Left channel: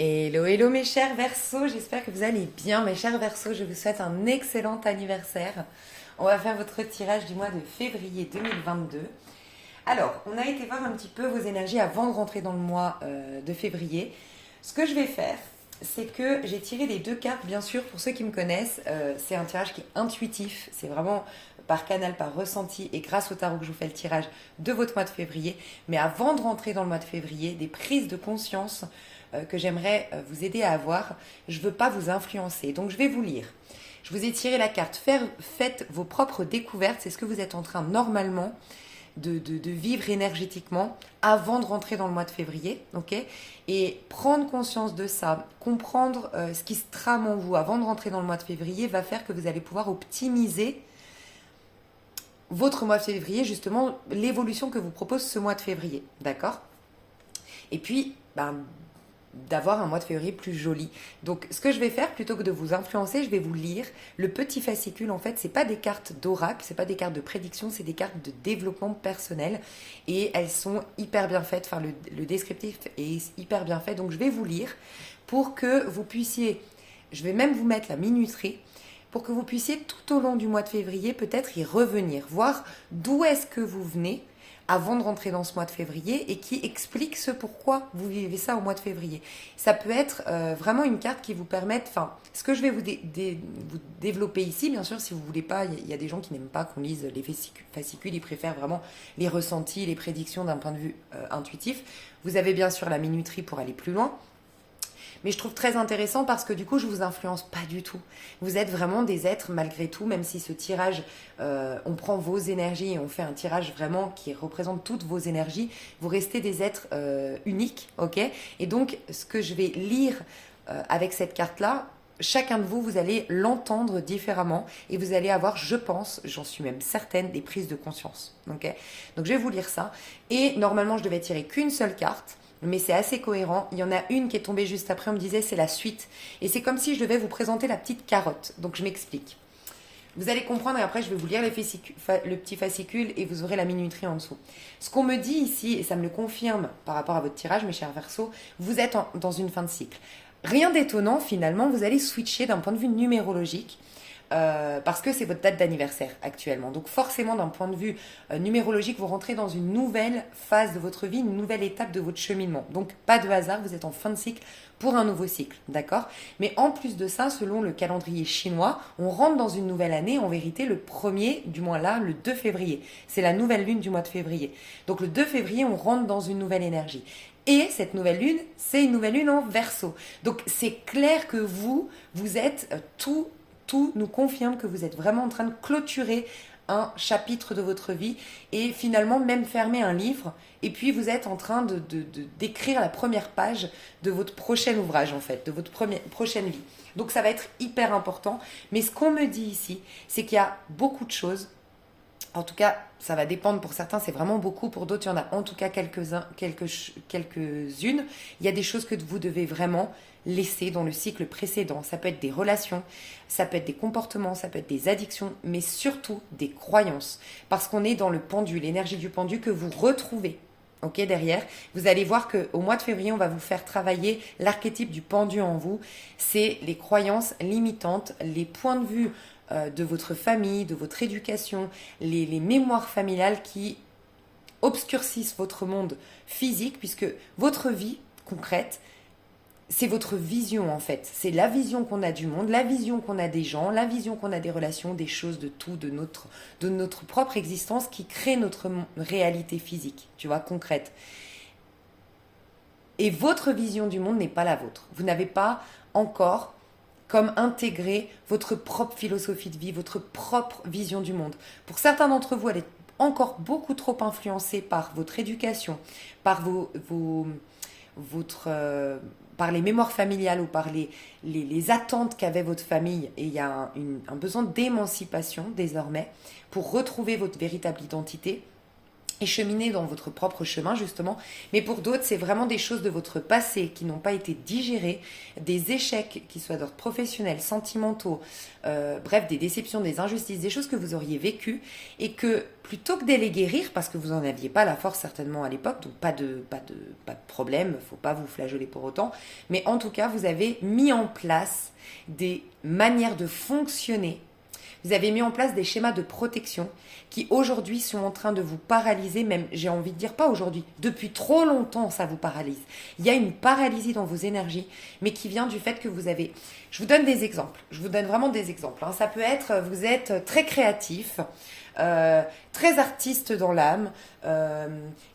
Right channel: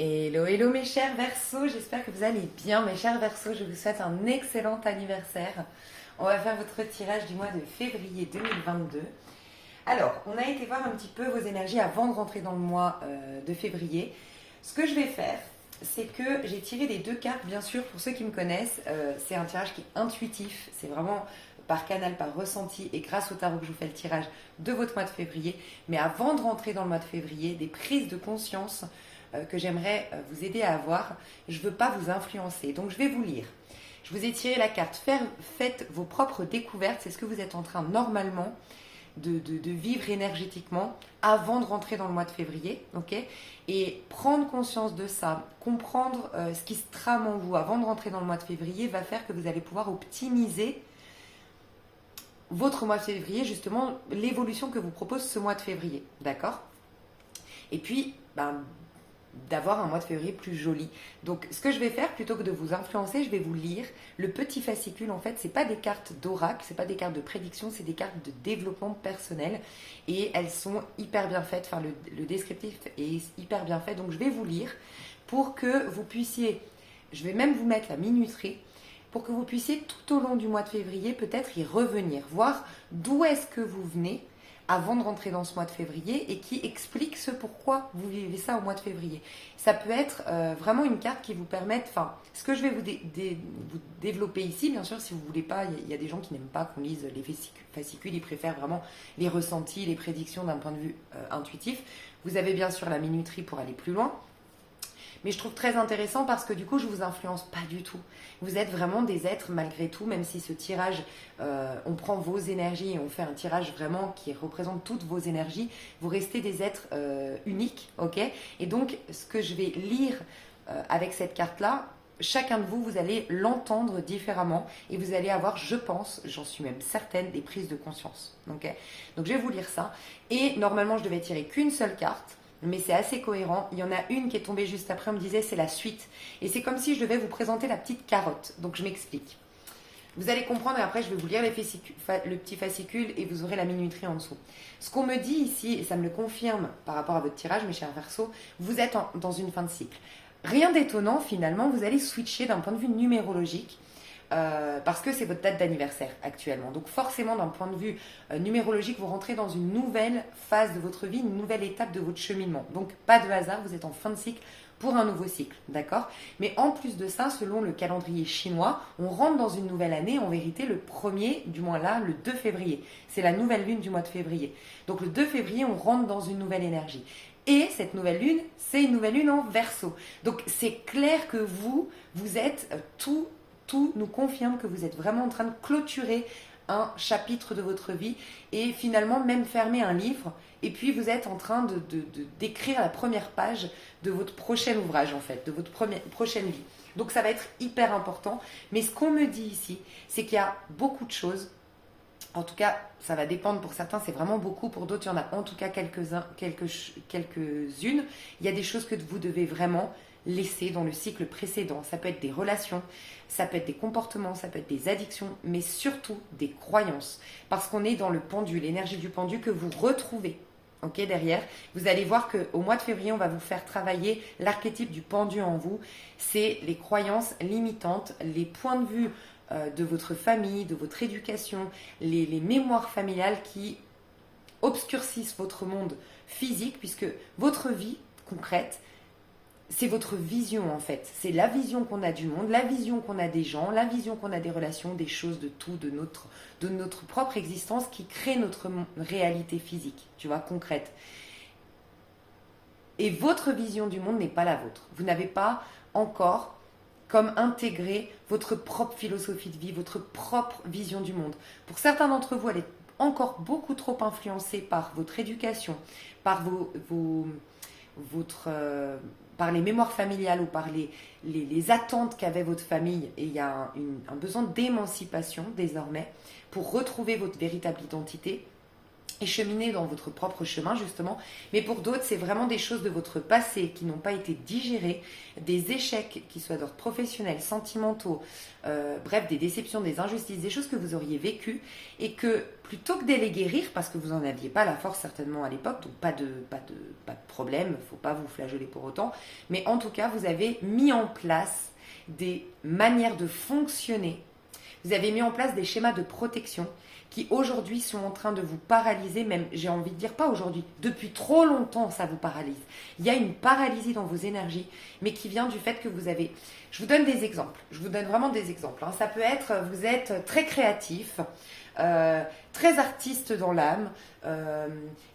Hello, hello mes chers Verseaux, j'espère que vous allez bien mes chers Verseaux, je vous souhaite un excellent anniversaire. On va faire votre tirage du mois de février 2022. Alors, on a été voir un petit peu vos énergies avant de rentrer dans le mois de février. Ce que je vais faire, c'est que j'ai tiré les deux cartes, bien sûr, pour ceux qui me connaissent, c'est un tirage qui est intuitif, c'est vraiment par canal, par ressenti et grâce au tarot que je vous fais le tirage de votre mois de février. Mais avant de rentrer dans le mois de février, des prises de conscience que j'aimerais vous aider à avoir. Je ne veux pas vous influencer, donc je vais vous lire. Je vous ai tiré la carte. Faites vos propres découvertes. C'est ce que vous êtes en train normalement de vivre énergétiquement avant de rentrer dans le mois de février. Okay, et prendre conscience de ça, comprendre ce qui se trame en vous avant de rentrer dans le mois de février va faire que vous allez pouvoir optimiser votre mois de février, justement l'évolution que vous propose ce mois de février. D'accord? Et puis, d'avoir un mois de février plus joli. Donc, ce que je vais faire, plutôt que de vous influencer, je vais vous lire le petit fascicule. En fait, c'est pas des cartes d'oracle, c'est pas des cartes de prédiction, c'est des cartes de développement personnel et elles sont hyper bien faites. Enfin, le descriptif est hyper bien fait. Donc, je vais vous lire pour que vous puissiez. Je vais même vous mettre la minuterie pour que vous puissiez tout au long du mois de février peut-être y revenir, voir d'où est-ce que vous venez avant de rentrer dans ce mois de février et qui explique ce pourquoi vous vivez ça au mois de février. Ça peut être vraiment une carte qui vous permette, enfin, ce que je vais vous développer ici, bien sûr, si vous ne voulez pas, il y a des gens qui n'aiment pas qu'on lise les fascicules, ils préfèrent vraiment les ressentis, les prédictions d'un point de vue intuitif. Vous avez bien sûr la minuterie pour aller plus loin. Mais je trouve très intéressant parce que du coup, je ne vous influence pas du tout. Vous êtes vraiment des êtres malgré tout, même si ce tirage, on prend vos énergies et on fait un tirage vraiment qui représente toutes vos énergies. Vous restez des êtres uniques, ok? Et donc, ce que je vais lire avec cette carte-là, chacun de vous, vous allez l'entendre différemment et vous allez avoir, je pense, j'en suis même certaine, des prises de conscience. Okay, donc, je vais vous lire ça. Et normalement, je devais tirer qu'une seule carte. Mais c'est assez cohérent. Il y en a une qui est tombée juste après, on me disait c'est la suite. Et c'est comme si je devais vous présenter la petite carotte. Donc je m'explique. Vous allez comprendre et après je vais vous lire le petit fascicule et vous aurez la minuterie en dessous. Ce qu'on me dit ici, et ça me le confirme par rapport à votre tirage, mes chers Verseaux, vous êtes dans une fin de cycle. Rien d'étonnant finalement, vous allez switcher d'un point de vue numérologique. Parce que c'est votre date d'anniversaire actuellement. Donc forcément, d'un point de vue numérologique, vous rentrez dans une nouvelle phase de votre vie, une nouvelle étape de votre cheminement. Donc pas de hasard, vous êtes en fin de cycle pour un nouveau cycle, d'accord? Mais en plus de ça, selon le calendrier chinois, on rentre dans une nouvelle année, en vérité le premier, du moins là, le 2 février. C'est la nouvelle lune du mois de février. Donc le 2 février, on rentre dans une nouvelle énergie. Et cette nouvelle lune, c'est une nouvelle lune en Verseau. Donc c'est clair que vous êtes tout nous confirme que vous êtes vraiment en train de clôturer un chapitre de votre vie et finalement même fermer un livre. Et puis vous êtes en train d'écrire la première page de votre prochain ouvrage en fait, de votre prochaine vie. Donc ça va être hyper important. Mais ce qu'on me dit ici, c'est qu'il y a beaucoup de choses. En tout cas, ça va dépendre pour certains, c'est vraiment beaucoup. Pour d'autres, il y en a en tout cas quelques-unes. Il y a des choses que vous devez vraiment laisser dans le cycle précédent. Ça peut être des relations, ça peut être des comportements, ça peut être des addictions, mais surtout des croyances. Parce qu'on est dans le pendu, l'énergie du pendu que vous retrouvez. Ok, derrière, vous allez voir qu'au mois de février, on va vous faire travailler l'archétype du pendu en vous. C'est les croyances limitantes, les points de vue de votre famille, de votre éducation, les mémoires familiales qui obscurcissent votre monde physique, puisque votre vie concrète, c'est votre vision en fait. C'est la vision qu'on a du monde, la vision qu'on a des gens, la vision qu'on a des relations, des choses, de tout, de notre propre existence qui crée notre réalité physique, tu vois, concrète. Et votre vision du monde n'est pas la vôtre. Vous n'avez pas encore comme intégrer votre propre philosophie de vie, votre propre vision du monde. Pour certains d'entre vous, elle est encore beaucoup trop influencée par votre éducation, par par les mémoires familiales ou par les attentes qu'avait votre famille. Et il y a un besoin d'émancipation désormais pour retrouver votre véritable identité. et cheminer dans votre propre chemin justement. Mais pour d'autres, c'est vraiment des choses de votre passé qui n'ont pas été digérées, des échecs qui soient d'ordre professionnel, sentimentaux, bref, des déceptions, des injustices, des choses que vous auriez vécues et que plutôt que de les guérir, parce que vous n'en aviez pas la force certainement à l'époque, donc pas de problème, il ne faut pas vous flageller pour autant, mais en tout cas, vous avez mis en place des manières de fonctionner, vous avez mis en place des schémas de protection qui aujourd'hui sont en train de vous paralyser, même j'ai envie de dire pas aujourd'hui, depuis trop longtemps ça vous paralyse. Il y a une paralysie dans vos énergies, mais qui vient du fait que vous avez... Je vous donne des exemples, je vous donne vraiment des exemples. Ça peut être, vous êtes très créatif, très artiste dans l'âme,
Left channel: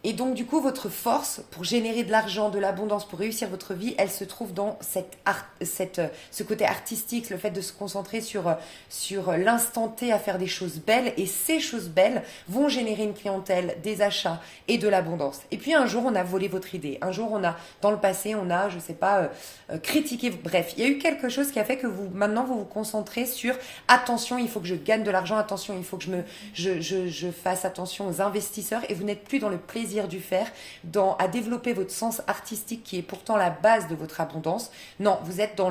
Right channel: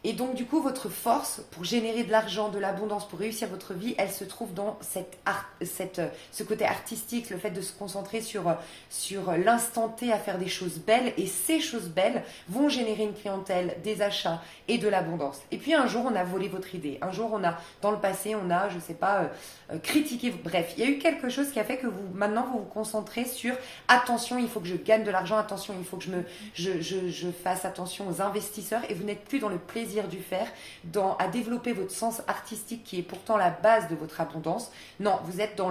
et donc du coup votre force pour générer de l'argent, de l'abondance, pour réussir votre vie, elle se trouve dans ce côté artistique, le fait de se concentrer sur l'instant T à faire des choses belles, et ces choses belles vont générer une clientèle, des achats et de l'abondance. Et puis un jour on a volé votre idée, un jour on a, dans le passé on a, je sais pas, critiqué, bref, il y a eu quelque chose qui a fait que maintenant vous vous concentrez sur attention, il faut que je gagne de l'argent, attention, il faut que je fasse attention aux investisseurs, et vous n'êtes plus dans le plaisir du faire, à développer votre sens artistique qui est pourtant la base de votre abondance. Non, vous êtes dans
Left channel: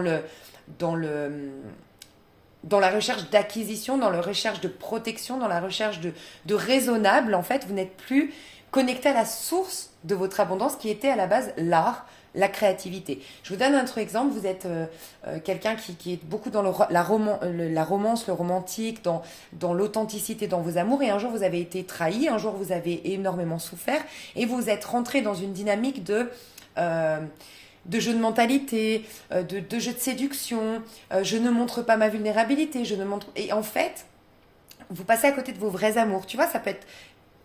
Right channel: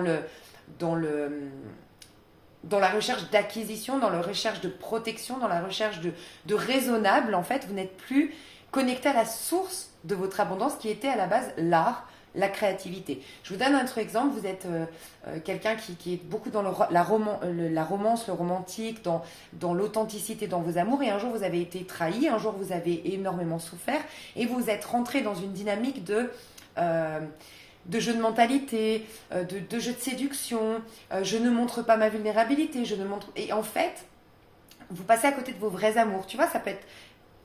la recherche d'acquisition, dans la recherche de protection, dans la recherche de raisonnable. En fait, vous n'êtes plus connecté à la source de votre abondance qui était à la base l'art, la créativité. Je vous donne un autre exemple. Vous êtes quelqu'un qui est beaucoup dans la romance, le romantique, dans l'authenticité, dans vos amours. Et un jour, vous avez été trahi. Un jour, vous avez énormément souffert. Et vous êtes rentré dans une dynamique de jeu de mentalité, de jeu de séduction. Je ne montre pas ma vulnérabilité. Et en fait, vous passez à côté de vos vrais amours. Tu vois, ça peut être...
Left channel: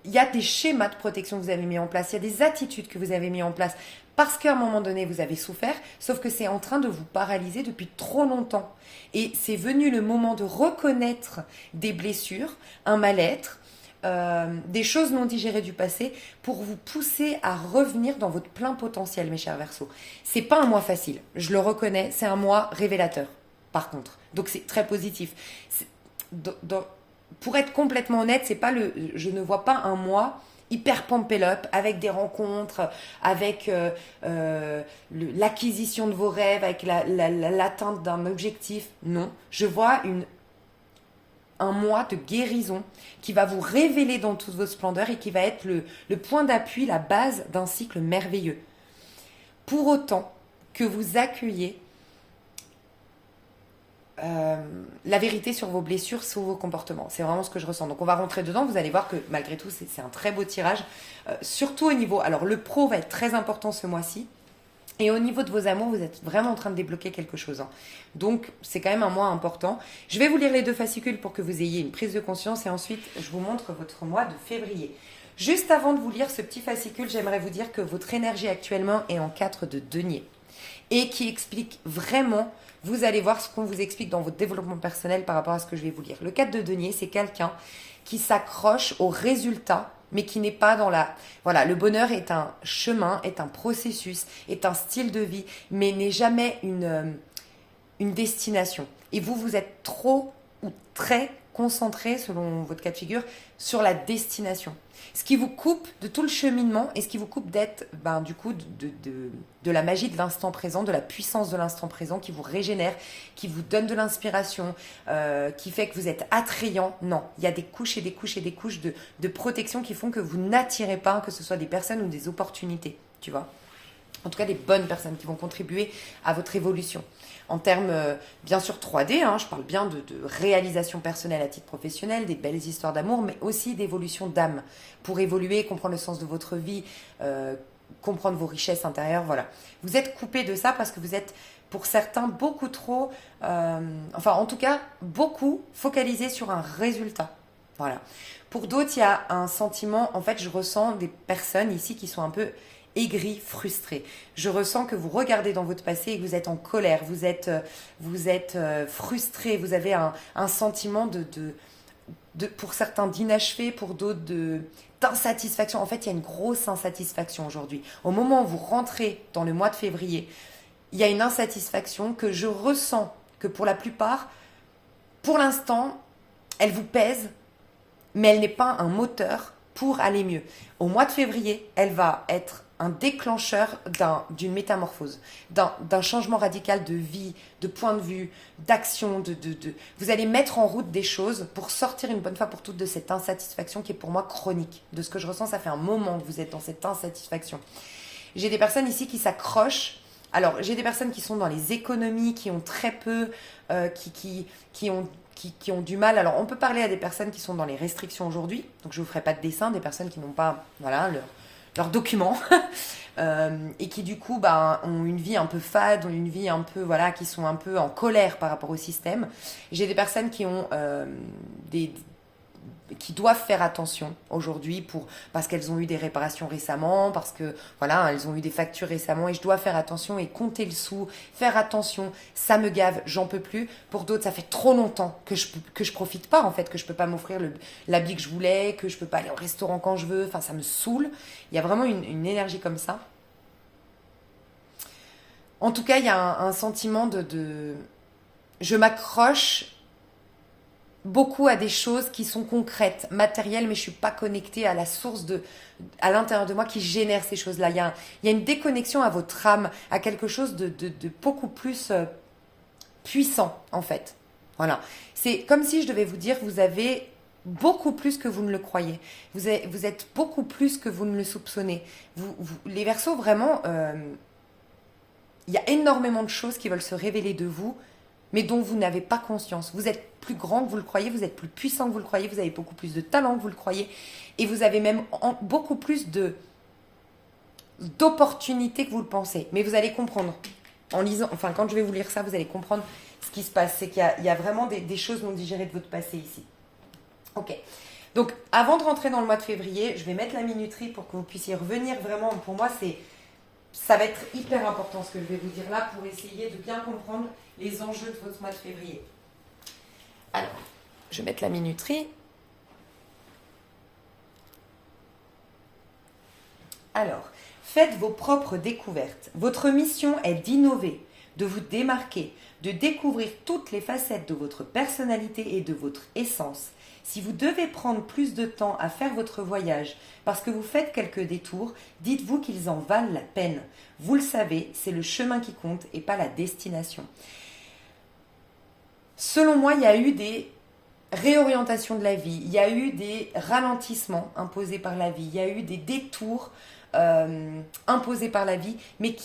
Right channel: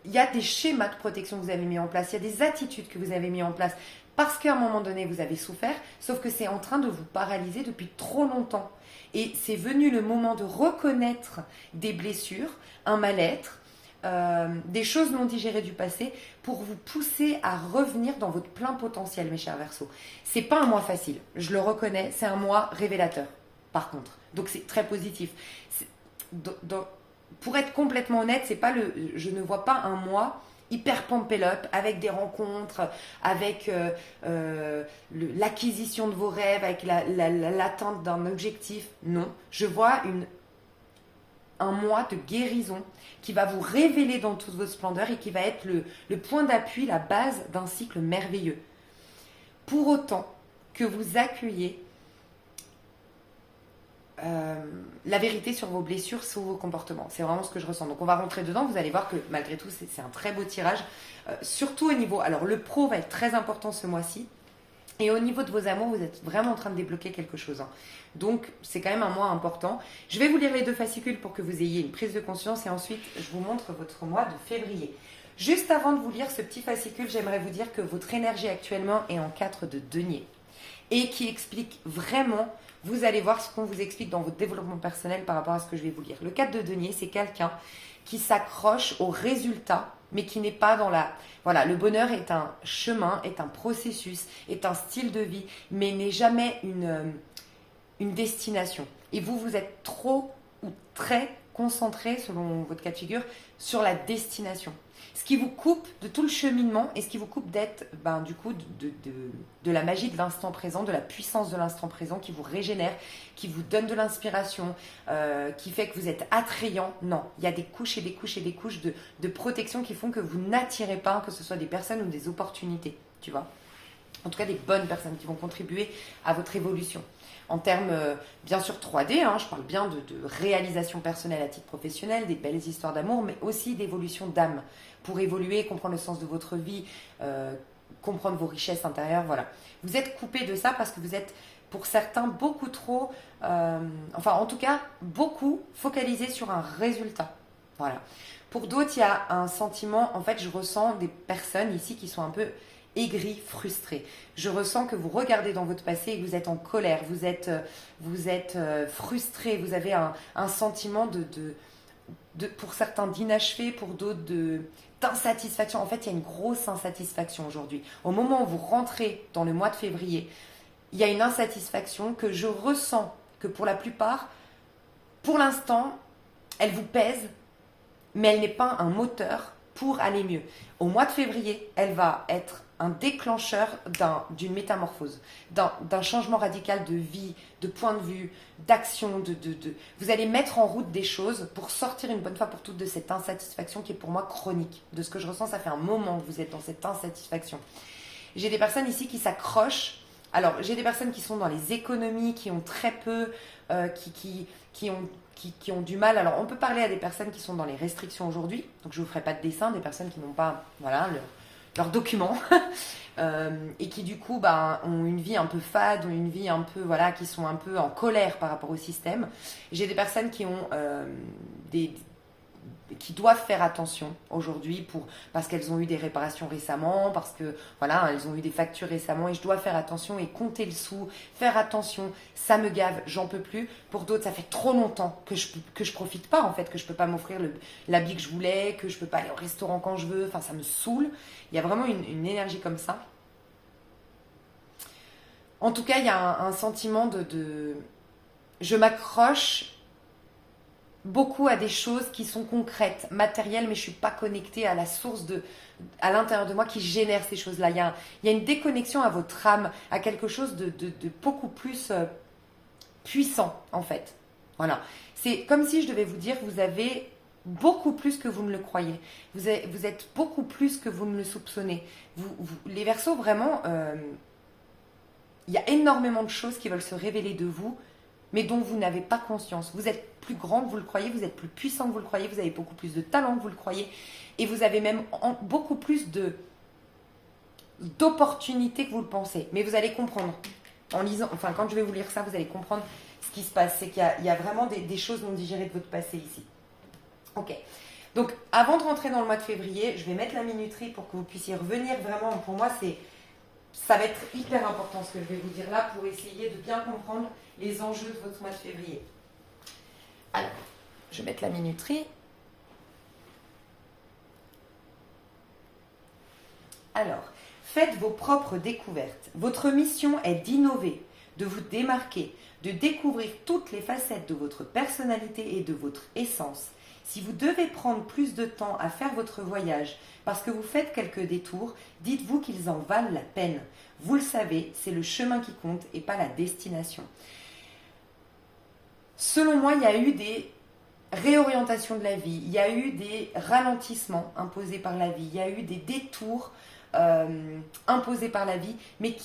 Il y a des schémas de protection que vous avez mis en place. Il y a des attitudes que vous avez mis en place. Parce qu'à un moment donné, vous avez souffert, sauf que c'est en train de vous paralyser depuis trop longtemps. Et c'est venu le moment de reconnaître des blessures, un mal-être, des choses non digérées du passé, pour vous pousser à revenir dans votre plein potentiel, mes chers Verseaux. C'est pas un mois facile, je le reconnais, c'est un mois révélateur, par contre. Donc c'est très positif. Pour être complètement honnête, je ne vois pas un mois hyper pumped up, avec des rencontres, avec l'acquisition de vos rêves, avec l'atteinte d'un objectif. Non, je vois un mois de guérison qui va vous révéler dans toute votre splendeur et qui va être le point d'appui, la base d'un cycle merveilleux. Pour autant que vous accueillez la vérité sur vos blessures, sur vos comportements. C'est vraiment ce que je ressens. Donc on va rentrer dedans, vous allez voir que malgré tout c'est un très beau tirage, surtout au niveau, alors le pro va être très important ce mois-ci, et au niveau de vos amours, vous êtes vraiment en train de débloquer quelque chose, hein. Donc c'est quand même un mois important. Je vais vous lire les 2 fascicules pour que vous ayez une prise de conscience, et ensuite je vous montre votre mois de février. Juste avant de vous lire ce petit fascicule, j'aimerais vous dire que votre énergie actuellement est en 4 de denier, et qui explique vraiment... Vous allez voir ce qu'on vous explique dans votre développement personnel par rapport à ce que je vais vous lire. Le 4 de denier, c'est quelqu'un qui s'accroche au résultat, mais qui n'est pas dans la... Voilà, le bonheur est un chemin, est un processus, est un style de vie, mais n'est jamais une destination. Et vous êtes trop ou très concentré, selon votre cas de figure, sur la destination. Ce qui vous coupe de tout le cheminement, et ce qui vous coupe d'être, du coup, de la magie de l'instant présent, de la puissance de l'instant présent, qui vous régénère, qui vous donne de l'inspiration, qui fait que vous êtes attrayant. Non, il y a des couches et des couches et des couches de protection qui font que vous n'attirez pas, que ce soit des personnes ou des opportunités, tu vois. En tout cas, des bonnes personnes qui vont contribuer à votre évolution. En termes, bien sûr, 3D, je parle bien de réalisation personnelle à titre professionnel, des belles histoires d'amour, mais aussi d'évolution d'âme, pour évoluer, comprendre le sens de votre vie, comprendre vos richesses intérieures, voilà. Vous êtes coupé de ça parce que vous êtes, pour certains, beaucoup trop, en tout cas, beaucoup focalisé sur un résultat, voilà. Pour d'autres, il y a un sentiment, en fait, je ressens des personnes ici qui sont un peu aigri, frustré. Je ressens que vous regardez dans votre passé et que vous êtes en colère, vous êtes frustré, vous avez un sentiment pour certains d'inachevé, pour d'autres d'insatisfaction. En fait, il y a une grosse insatisfaction aujourd'hui. Au moment où vous rentrez dans le mois de février, il y a une insatisfaction que je ressens, que pour la plupart, pour l'instant, elle vous pèse, mais elle n'est pas un moteur pour aller mieux. Au mois de février, elle va être un déclencheur d'une métamorphose, d'un changement radical de vie, de point de vue, d'action. Vous allez mettre en route des choses pour sortir une bonne fois pour toutes de cette insatisfaction qui est pour moi chronique. De ce que je ressens, ça fait un moment que vous êtes dans cette insatisfaction. J'ai des personnes ici qui s'accrochent. Alors, j'ai des personnes qui sont dans les économies, qui ont très peu, qui ont du mal. Alors, on peut parler à des personnes qui sont dans les restrictions aujourd'hui. Donc, je ne vous ferai pas de dessin, des personnes qui n'ont pas leurs documents et qui, du coup, ont une vie un peu fade, ont une vie un peu, qui sont un peu en colère par rapport au système. J'ai des personnes qui ont qui doivent faire attention aujourd'hui parce qu'elles ont eu des réparations récemment, parce que elles ont eu des factures récemment et je dois faire attention et compter le sou, faire attention, ça me gave, j'en peux plus. Pour d'autres, ça fait trop longtemps que je profite pas en fait, que je peux pas m'offrir l'habit que je voulais, que je peux pas aller au restaurant quand je veux, enfin ça me saoule. Il y a vraiment une énergie comme ça. En tout cas, il y a un sentiment je m'accroche beaucoup à des choses qui sont concrètes, matérielles, mais je ne suis pas connectée à la source à l'intérieur de moi qui génère ces choses-là. Il y a une déconnexion à votre âme, à quelque chose de beaucoup plus puissant, en fait. Voilà. C'est comme si je devais vous dire, vous avez beaucoup plus que vous ne le croyez. Vous êtes beaucoup plus que vous ne le soupçonnez. Les Verseaux, vraiment, il y a énormément de choses qui veulent se révéler de vous, mais dont vous n'avez pas conscience. Vous êtes plus grand que vous le croyez, vous êtes plus puissant que vous le croyez, vous avez beaucoup plus de talent que vous le croyez, et vous avez même beaucoup plus d'opportunités que vous le pensez. Mais vous allez comprendre, en lisant, enfin quand je vais vous lire ça, vous allez comprendre ce qui se passe. C'est qu'il y a vraiment des choses non digérées de votre passé ici. Ok. Donc avant de rentrer dans le mois de février, je vais mettre la minuterie pour que vous puissiez revenir vraiment. Pour moi, ça va être hyper important ce que je vais vous dire là pour essayer de bien comprendre les enjeux de votre mois de février. Alors, je vais mettre la minuterie. Alors, faites vos propres découvertes. Votre mission est d'innover, de vous démarquer, de découvrir toutes les facettes de votre personnalité et de votre essence. Si vous devez prendre plus de temps à faire votre voyage parce que vous faites quelques détours, dites-vous qu'ils en valent la peine. Vous le savez, c'est le chemin qui compte et pas la destination. Selon moi, il y a eu des réorientations de la vie, il y a eu des ralentissements imposés par la vie, il y a eu des détours imposés par la vie, mais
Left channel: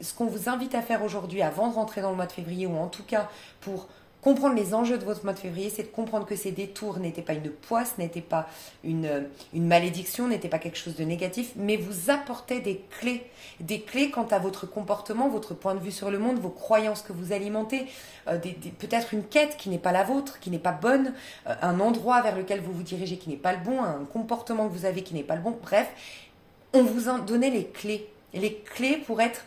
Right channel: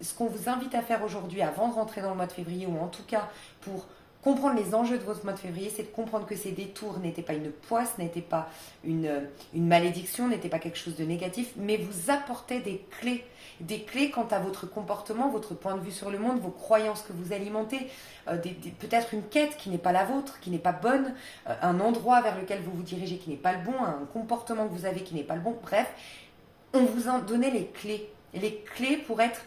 ce qu'on vous invite à faire aujourd'hui avant de rentrer dans le mois de février, ou en tout cas pour comprendre les enjeux de votre mois de février, c'est de comprendre que ces détours n'étaient pas une poisse, n'étaient pas une malédiction, n'étaient pas quelque chose de négatif, mais vous apportaient des clés quant à votre comportement, votre point de vue sur le monde, vos croyances que vous alimentez, peut-être une quête qui n'est pas la vôtre, qui n'est pas bonne, un endroit vers lequel vous vous dirigez qui n'est pas le bon, un comportement que vous avez qui n'est pas le bon. Bref, on vous a donné les clés pour être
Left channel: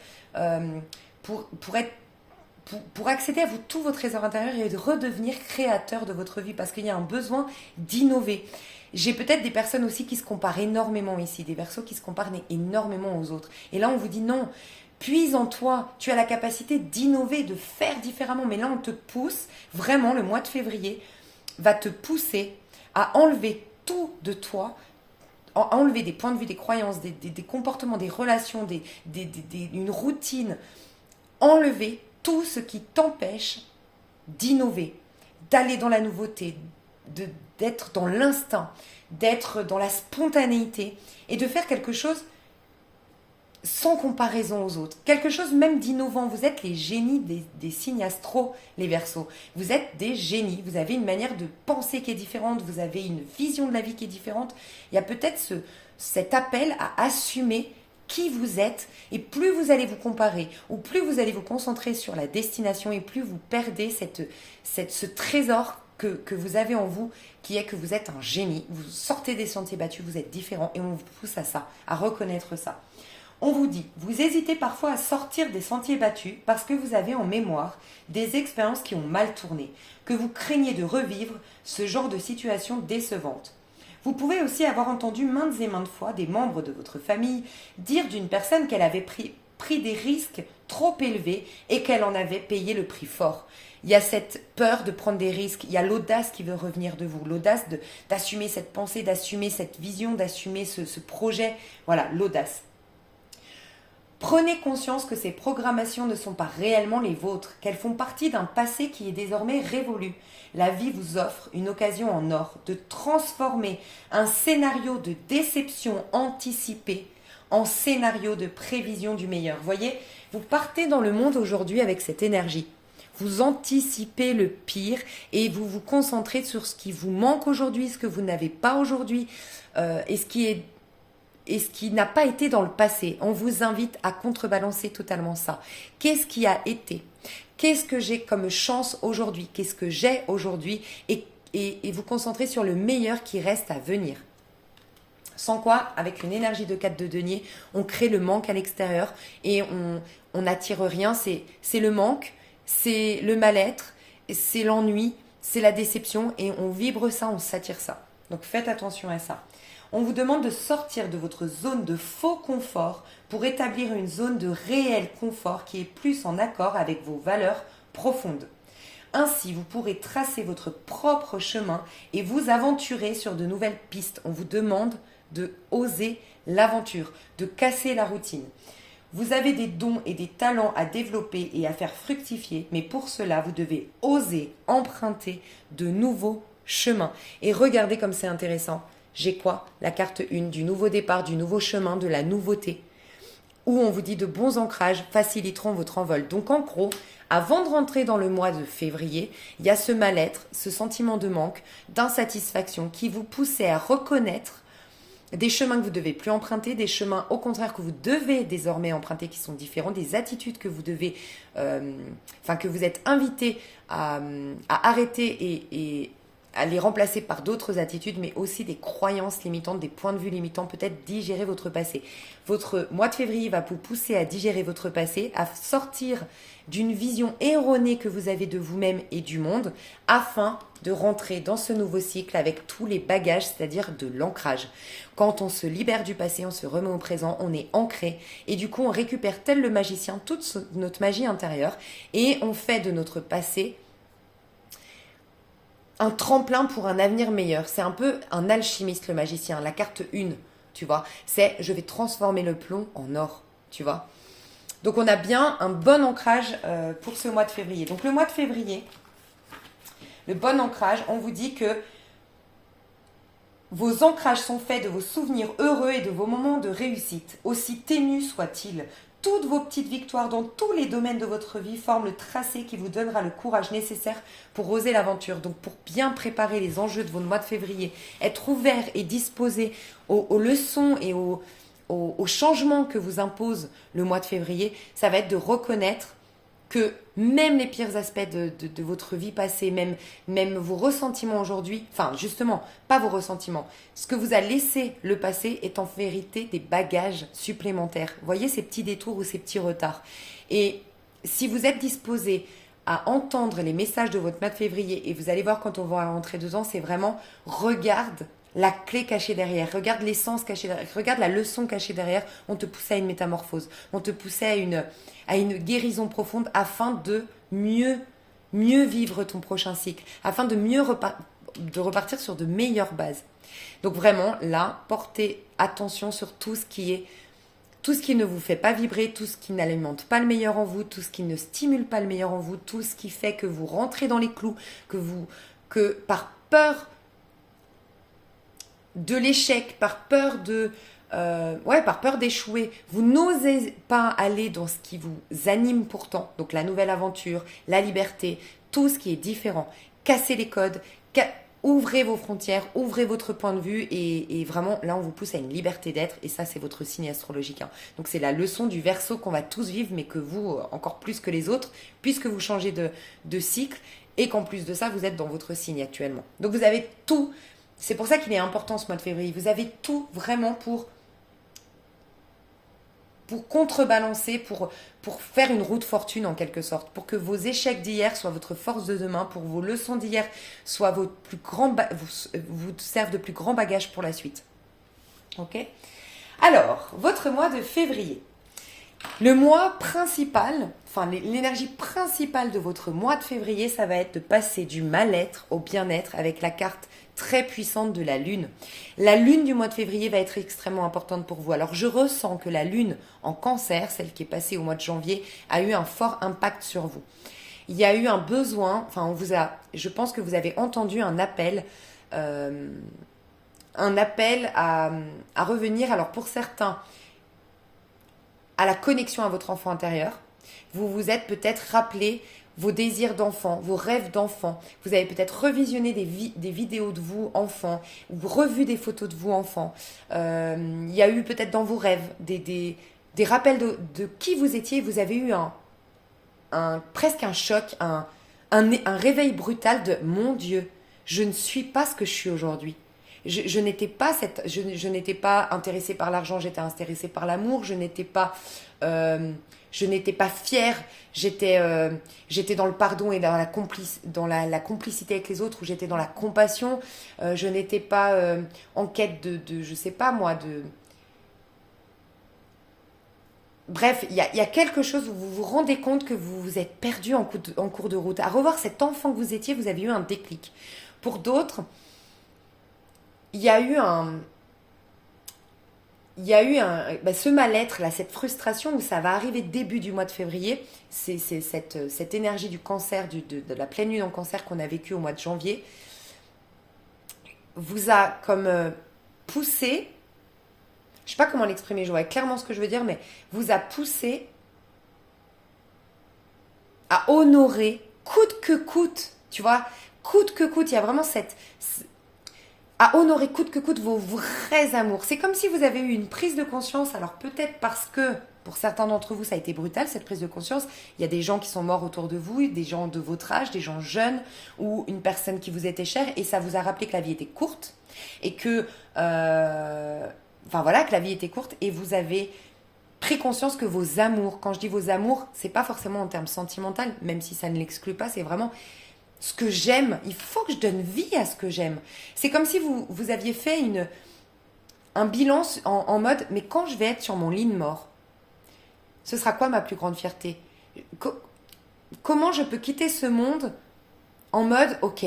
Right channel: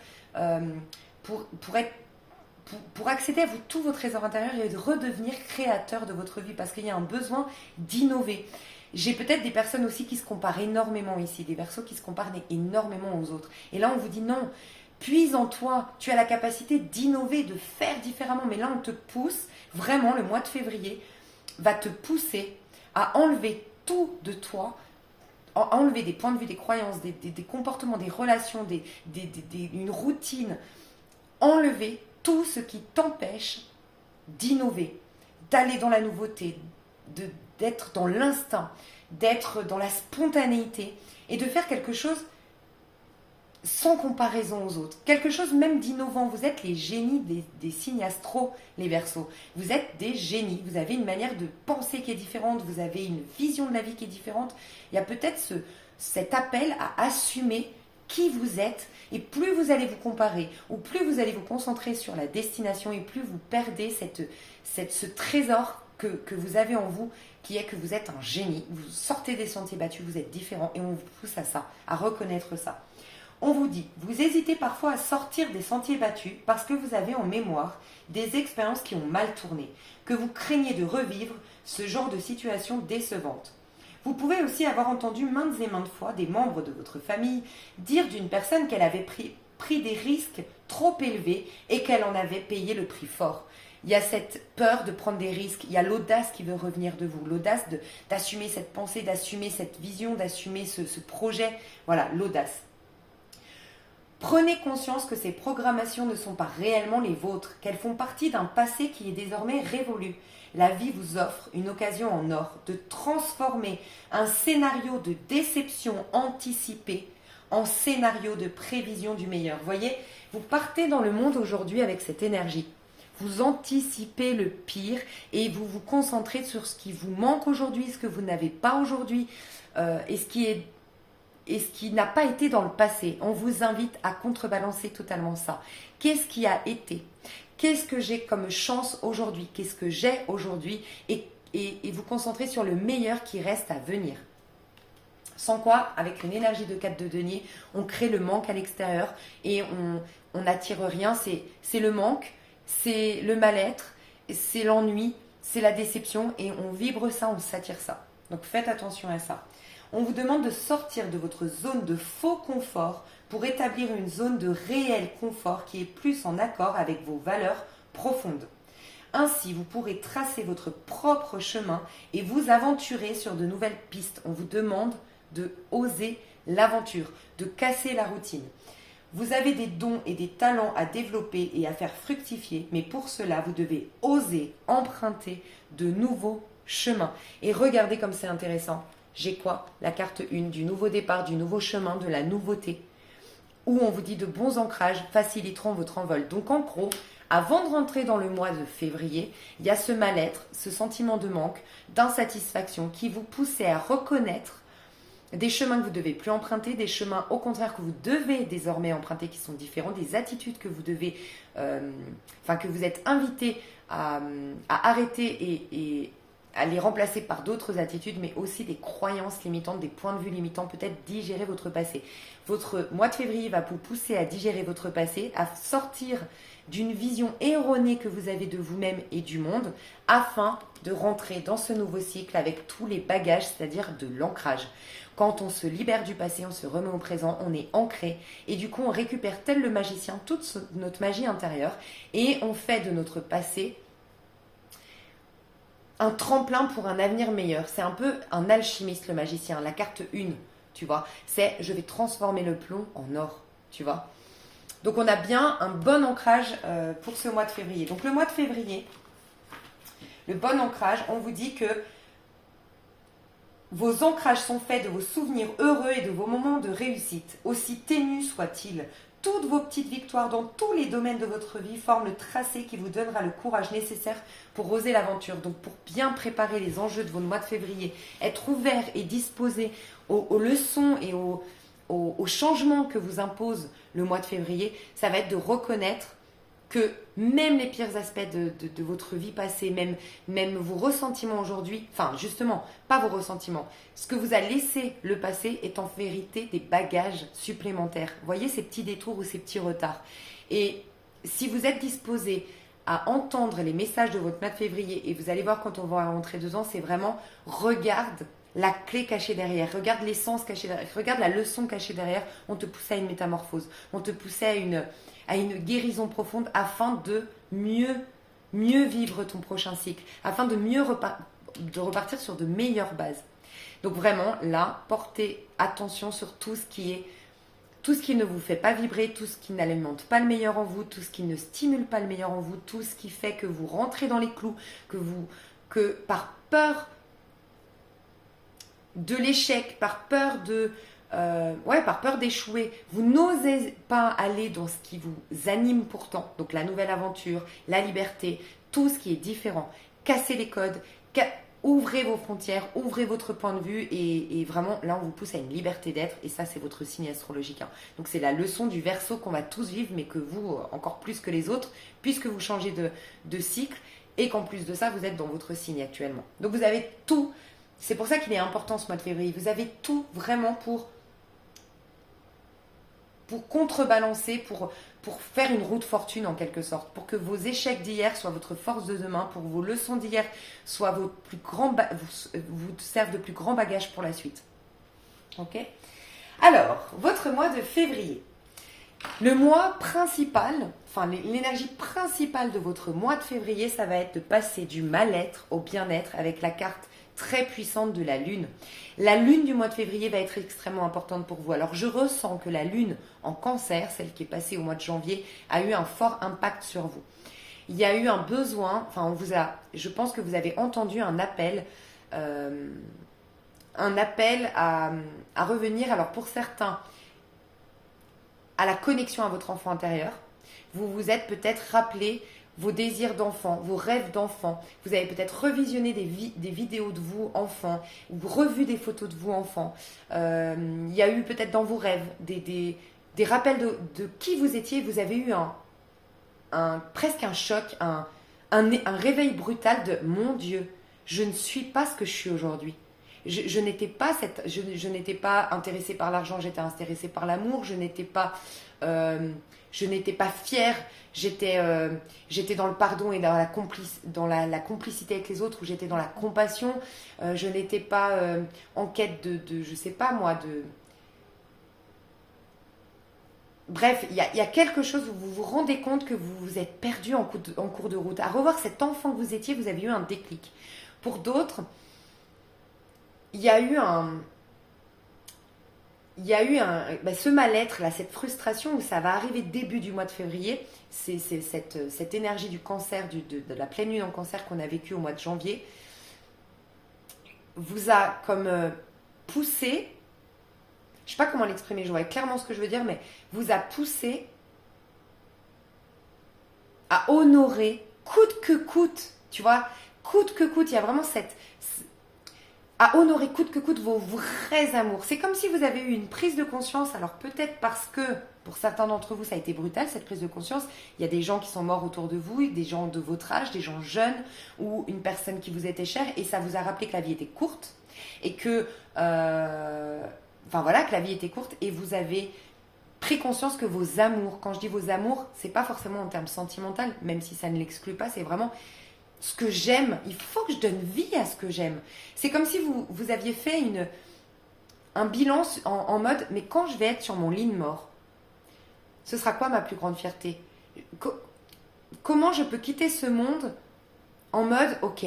pour accéder à tout votre trésor intérieur et de redevenir créateur de votre vie, parce qu'il y a un besoin d'innover. J'ai peut-être des personnes aussi qui se comparent énormément ici, des Verseaux qui se comparent énormément aux autres. Et là, on vous dit non, puise en toi, tu as la capacité d'innover, de faire différemment. Mais là, on te pousse, vraiment, le mois de février va te pousser à enlever tout de toi, à enlever des points de vue, des croyances, des comportements, des relations, une routine, enlever tout ce qui t'empêche d'innover, d'aller dans la nouveauté, d'être dans l'instinct, d'être dans la spontanéité et de faire quelque chose sans comparaison aux autres. Quelque chose même d'innovant. Vous êtes les génies des signes astro, les Verseaux. Vous êtes des génies. Vous avez une manière de penser qui est différente. Vous avez une vision de la vie qui est différente. Il y a peut-être cet appel à assumer qui vous êtes, et plus vous allez vous comparer, ou plus vous allez vous concentrer sur la destination, et plus vous perdez ce trésor que vous avez en vous, qui est que vous êtes un génie, vous sortez des sentiers battus, vous êtes différent, et on vous pousse à ça, à reconnaître ça. On vous dit, vous hésitez parfois à sortir des sentiers battus parce que vous avez en mémoire des expériences qui ont mal tourné, que vous craignez de revivre ce genre de situation décevante. Vous pouvez aussi avoir entendu maintes et maintes fois des membres de votre famille dire d'une personne qu'elle avait pris des risques trop élevés et qu'elle en avait payé le prix fort. Il y a cette peur de prendre des risques. Il y a l'audace qui veut revenir de vous. L'audace d'assumer cette pensée, d'assumer cette vision, d'assumer ce projet. Voilà, l'audace. Prenez conscience que ces programmations ne sont pas réellement les vôtres, qu'elles font partie d'un passé qui est désormais révolu. La vie vous offre une occasion en or de transformer un scénario de déception anticipée en scénario de prévision du meilleur. Voyez, vous partez dans le monde aujourd'hui avec cette énergie. Vous anticipez le pire et vous vous concentrez sur ce qui vous manque aujourd'hui, ce que vous n'avez pas aujourd'hui et ce qui n'a pas été dans le passé. On vous invite à contrebalancer totalement ça. Qu'est-ce qui a été? Qu'est-ce que j'ai comme chance aujourd'hui? Qu'est-ce que j'ai aujourd'hui? Et vous concentrer sur le meilleur qui reste à venir. Sans quoi, avec une énergie de 4 de denier, on crée le manque à l'extérieur et on n'attire rien. C'est le manque, c'est le mal-être, c'est l'ennui, c'est la déception et on vibre ça, on s'attire ça. Donc faites attention à ça. On vous demande de sortir de votre zone de faux confort pour établir une zone de réel confort qui est plus en accord avec vos valeurs profondes. Ainsi, vous pourrez tracer votre propre chemin et vous aventurer sur de nouvelles pistes. On vous demande de oser l'aventure, de casser la routine. Vous avez des dons et des talents à développer et à faire fructifier, mais pour cela, vous devez oser emprunter de nouveaux chemins. Et regardez comme c'est intéressant. J'ai quoi? La carte 1 du nouveau départ, du nouveau chemin, de la nouveauté. Où on vous dit de bons ancrages faciliteront votre envol. Donc en gros, avant de rentrer dans le mois de février, il y a ce mal-être, ce sentiment de manque, d'insatisfaction qui vous poussait à reconnaître des chemins que vous ne devez plus emprunter, des chemins au contraire que vous devez désormais emprunter qui sont différents, des attitudes que vous devez, que vous êtes invité à arrêter et à les remplacer par d'autres attitudes, mais aussi des croyances limitantes, des points de vue limitants, peut-être digérer votre passé. Votre mois de février va vous pousser à digérer votre passé, à sortir d'une vision erronée que vous avez de vous-même et du monde, afin de rentrer dans ce nouveau cycle avec tous les bagages, c'est-à-dire de l'ancrage. Quand on se libère du passé, on se remet au présent, on est ancré et du coup on récupère tel le magicien toute notre magie intérieure et on fait de notre passé un tremplin pour un avenir meilleur. C'est un peu un alchimiste le magicien, la carte 1, tu vois. C'est je vais transformer le plomb en or, tu vois. Donc on a bien un bon ancrage pour ce mois de février. Donc le mois de février, le bon ancrage, on vous dit que vos ancrages sont faits de vos souvenirs heureux et de vos moments de réussite, aussi ténus soient-ils. Toutes vos petites victoires dans tous les domaines de votre vie forment le tracé qui vous donnera le courage nécessaire pour oser l'aventure. Donc pour bien préparer les enjeux de vos mois de février, être ouvert et disposé aux leçons et aux changements que vous impose le mois de février, ça va être de reconnaître que même les pires aspects de votre vie passée, même vos ressentiments aujourd'hui, enfin justement, pas vos ressentiments, ce que vous a laissé le passé est en vérité des bagages supplémentaires. Voyez ces petits détours ou ces petits retards. Et si vous êtes disposé à entendre les messages de votre mois de février, et vous allez voir quand on va rentrer dedans, c'est vraiment regarde la clé cachée derrière, regarde l'essence cachée derrière, regarde la leçon cachée derrière, on te poussait à une métamorphose, on te poussait à une guérison profonde afin de mieux vivre ton prochain cycle, afin de mieux de repartir sur de meilleures bases. Donc vraiment, là, portez attention sur tout ce qui ne vous fait pas vibrer, tout ce qui n'alimente pas le meilleur en vous, tout ce qui ne stimule pas le meilleur en vous, tout ce qui fait que vous rentrez dans les clous, que par peur de l'échec, par peur d'échouer, vous n'osez pas aller dans ce qui vous anime pourtant, donc la nouvelle aventure, la liberté, tout ce qui est différent. Cassez les codes, ouvrez vos frontières, ouvrez votre point de vue et vraiment là on vous pousse à une liberté d'être et ça c'est votre signe astrologique. Donc c'est la leçon du Verseau qu'on va tous vivre mais que vous encore plus que les autres puisque vous changez de cycle et qu'en plus de ça vous êtes dans votre signe actuellement. Donc vous avez tout. C'est pour ça qu'il est important ce mois de février. Vous avez tout vraiment pour contrebalancer, pour faire une roue de fortune en quelque sorte. Pour que vos échecs d'hier soient votre force de demain, pour que vos leçons d'hier soient vous servent de plus grand bagage pour la suite. Ok ? Alors, votre mois de février. Le mois principal, enfin l'énergie principale de votre mois de février, ça va être de passer du mal-être au bien-être avec la carte très puissante de la lune. La lune du mois de février va être extrêmement importante pour vous. Alors je ressens que la lune en cancer, celle qui est passée au mois de janvier, a eu un fort impact sur vous. Il y a eu un besoin, enfin je pense que vous avez entendu un appel à revenir. Alors pour certains, à la connexion à votre enfant intérieur. Vous vous êtes peut-être rappelé vos désirs d'enfant, vos rêves d'enfant. Vous avez peut-être revisionné des vidéos de vous, enfant, ou revu des photos de vous, enfant. Il y a eu peut-être dans vos rêves des rappels de qui vous étiez. Vous avez eu presque un choc, un réveil brutal de mon Dieu, je ne suis pas ce que je suis aujourd'hui. Je n'étais pas intéressée par l'argent, j'étais intéressée par l'amour. Je n'étais pas fière. J'étais dans le pardon et dans la complicité avec les autres, où j'étais dans la compassion. Je n'étais pas en quête de je sais pas moi, de... Bref, il y a quelque chose où vous vous rendez compte que vous vous êtes perdu en cours de route. À revoir cet enfant que vous étiez, vous avez eu un déclic. Pour d'autres, il y a eu ce mal-être, là, cette frustration où ça va arriver début du mois de février. C'est cette énergie du cancer, de la pleine lune en cancer qu'on a vécue au mois de janvier, vous a comme poussé, je ne sais pas comment l'exprimer, je vois clairement ce que je veux dire, mais vous a poussé à honorer coûte que coûte, tu vois, coûte que coûte. Il y a vraiment à honorer coûte que coûte vos vrais amours. C'est comme si vous avez eu une prise de conscience. Alors peut-être parce que pour certains d'entre vous ça a été brutal, cette prise de conscience. Il y a des gens qui sont morts autour de vous, des gens de votre âge, des gens jeunes, ou une personne qui vous était chère, et ça vous a rappelé que la vie était courte et que que la vie était courte, et vous avez pris conscience que vos amours, quand je dis vos amours, c'est pas forcément en termes sentimental, même si ça ne l'exclut pas, c'est vraiment ce que j'aime. Il faut que je donne vie à ce que j'aime. C'est comme si vous aviez fait un bilan en mode, mais quand je vais être sur mon lit de mort, ce sera quoi ma plus grande fierté? Comment je peux quitter ce monde en mode, ok,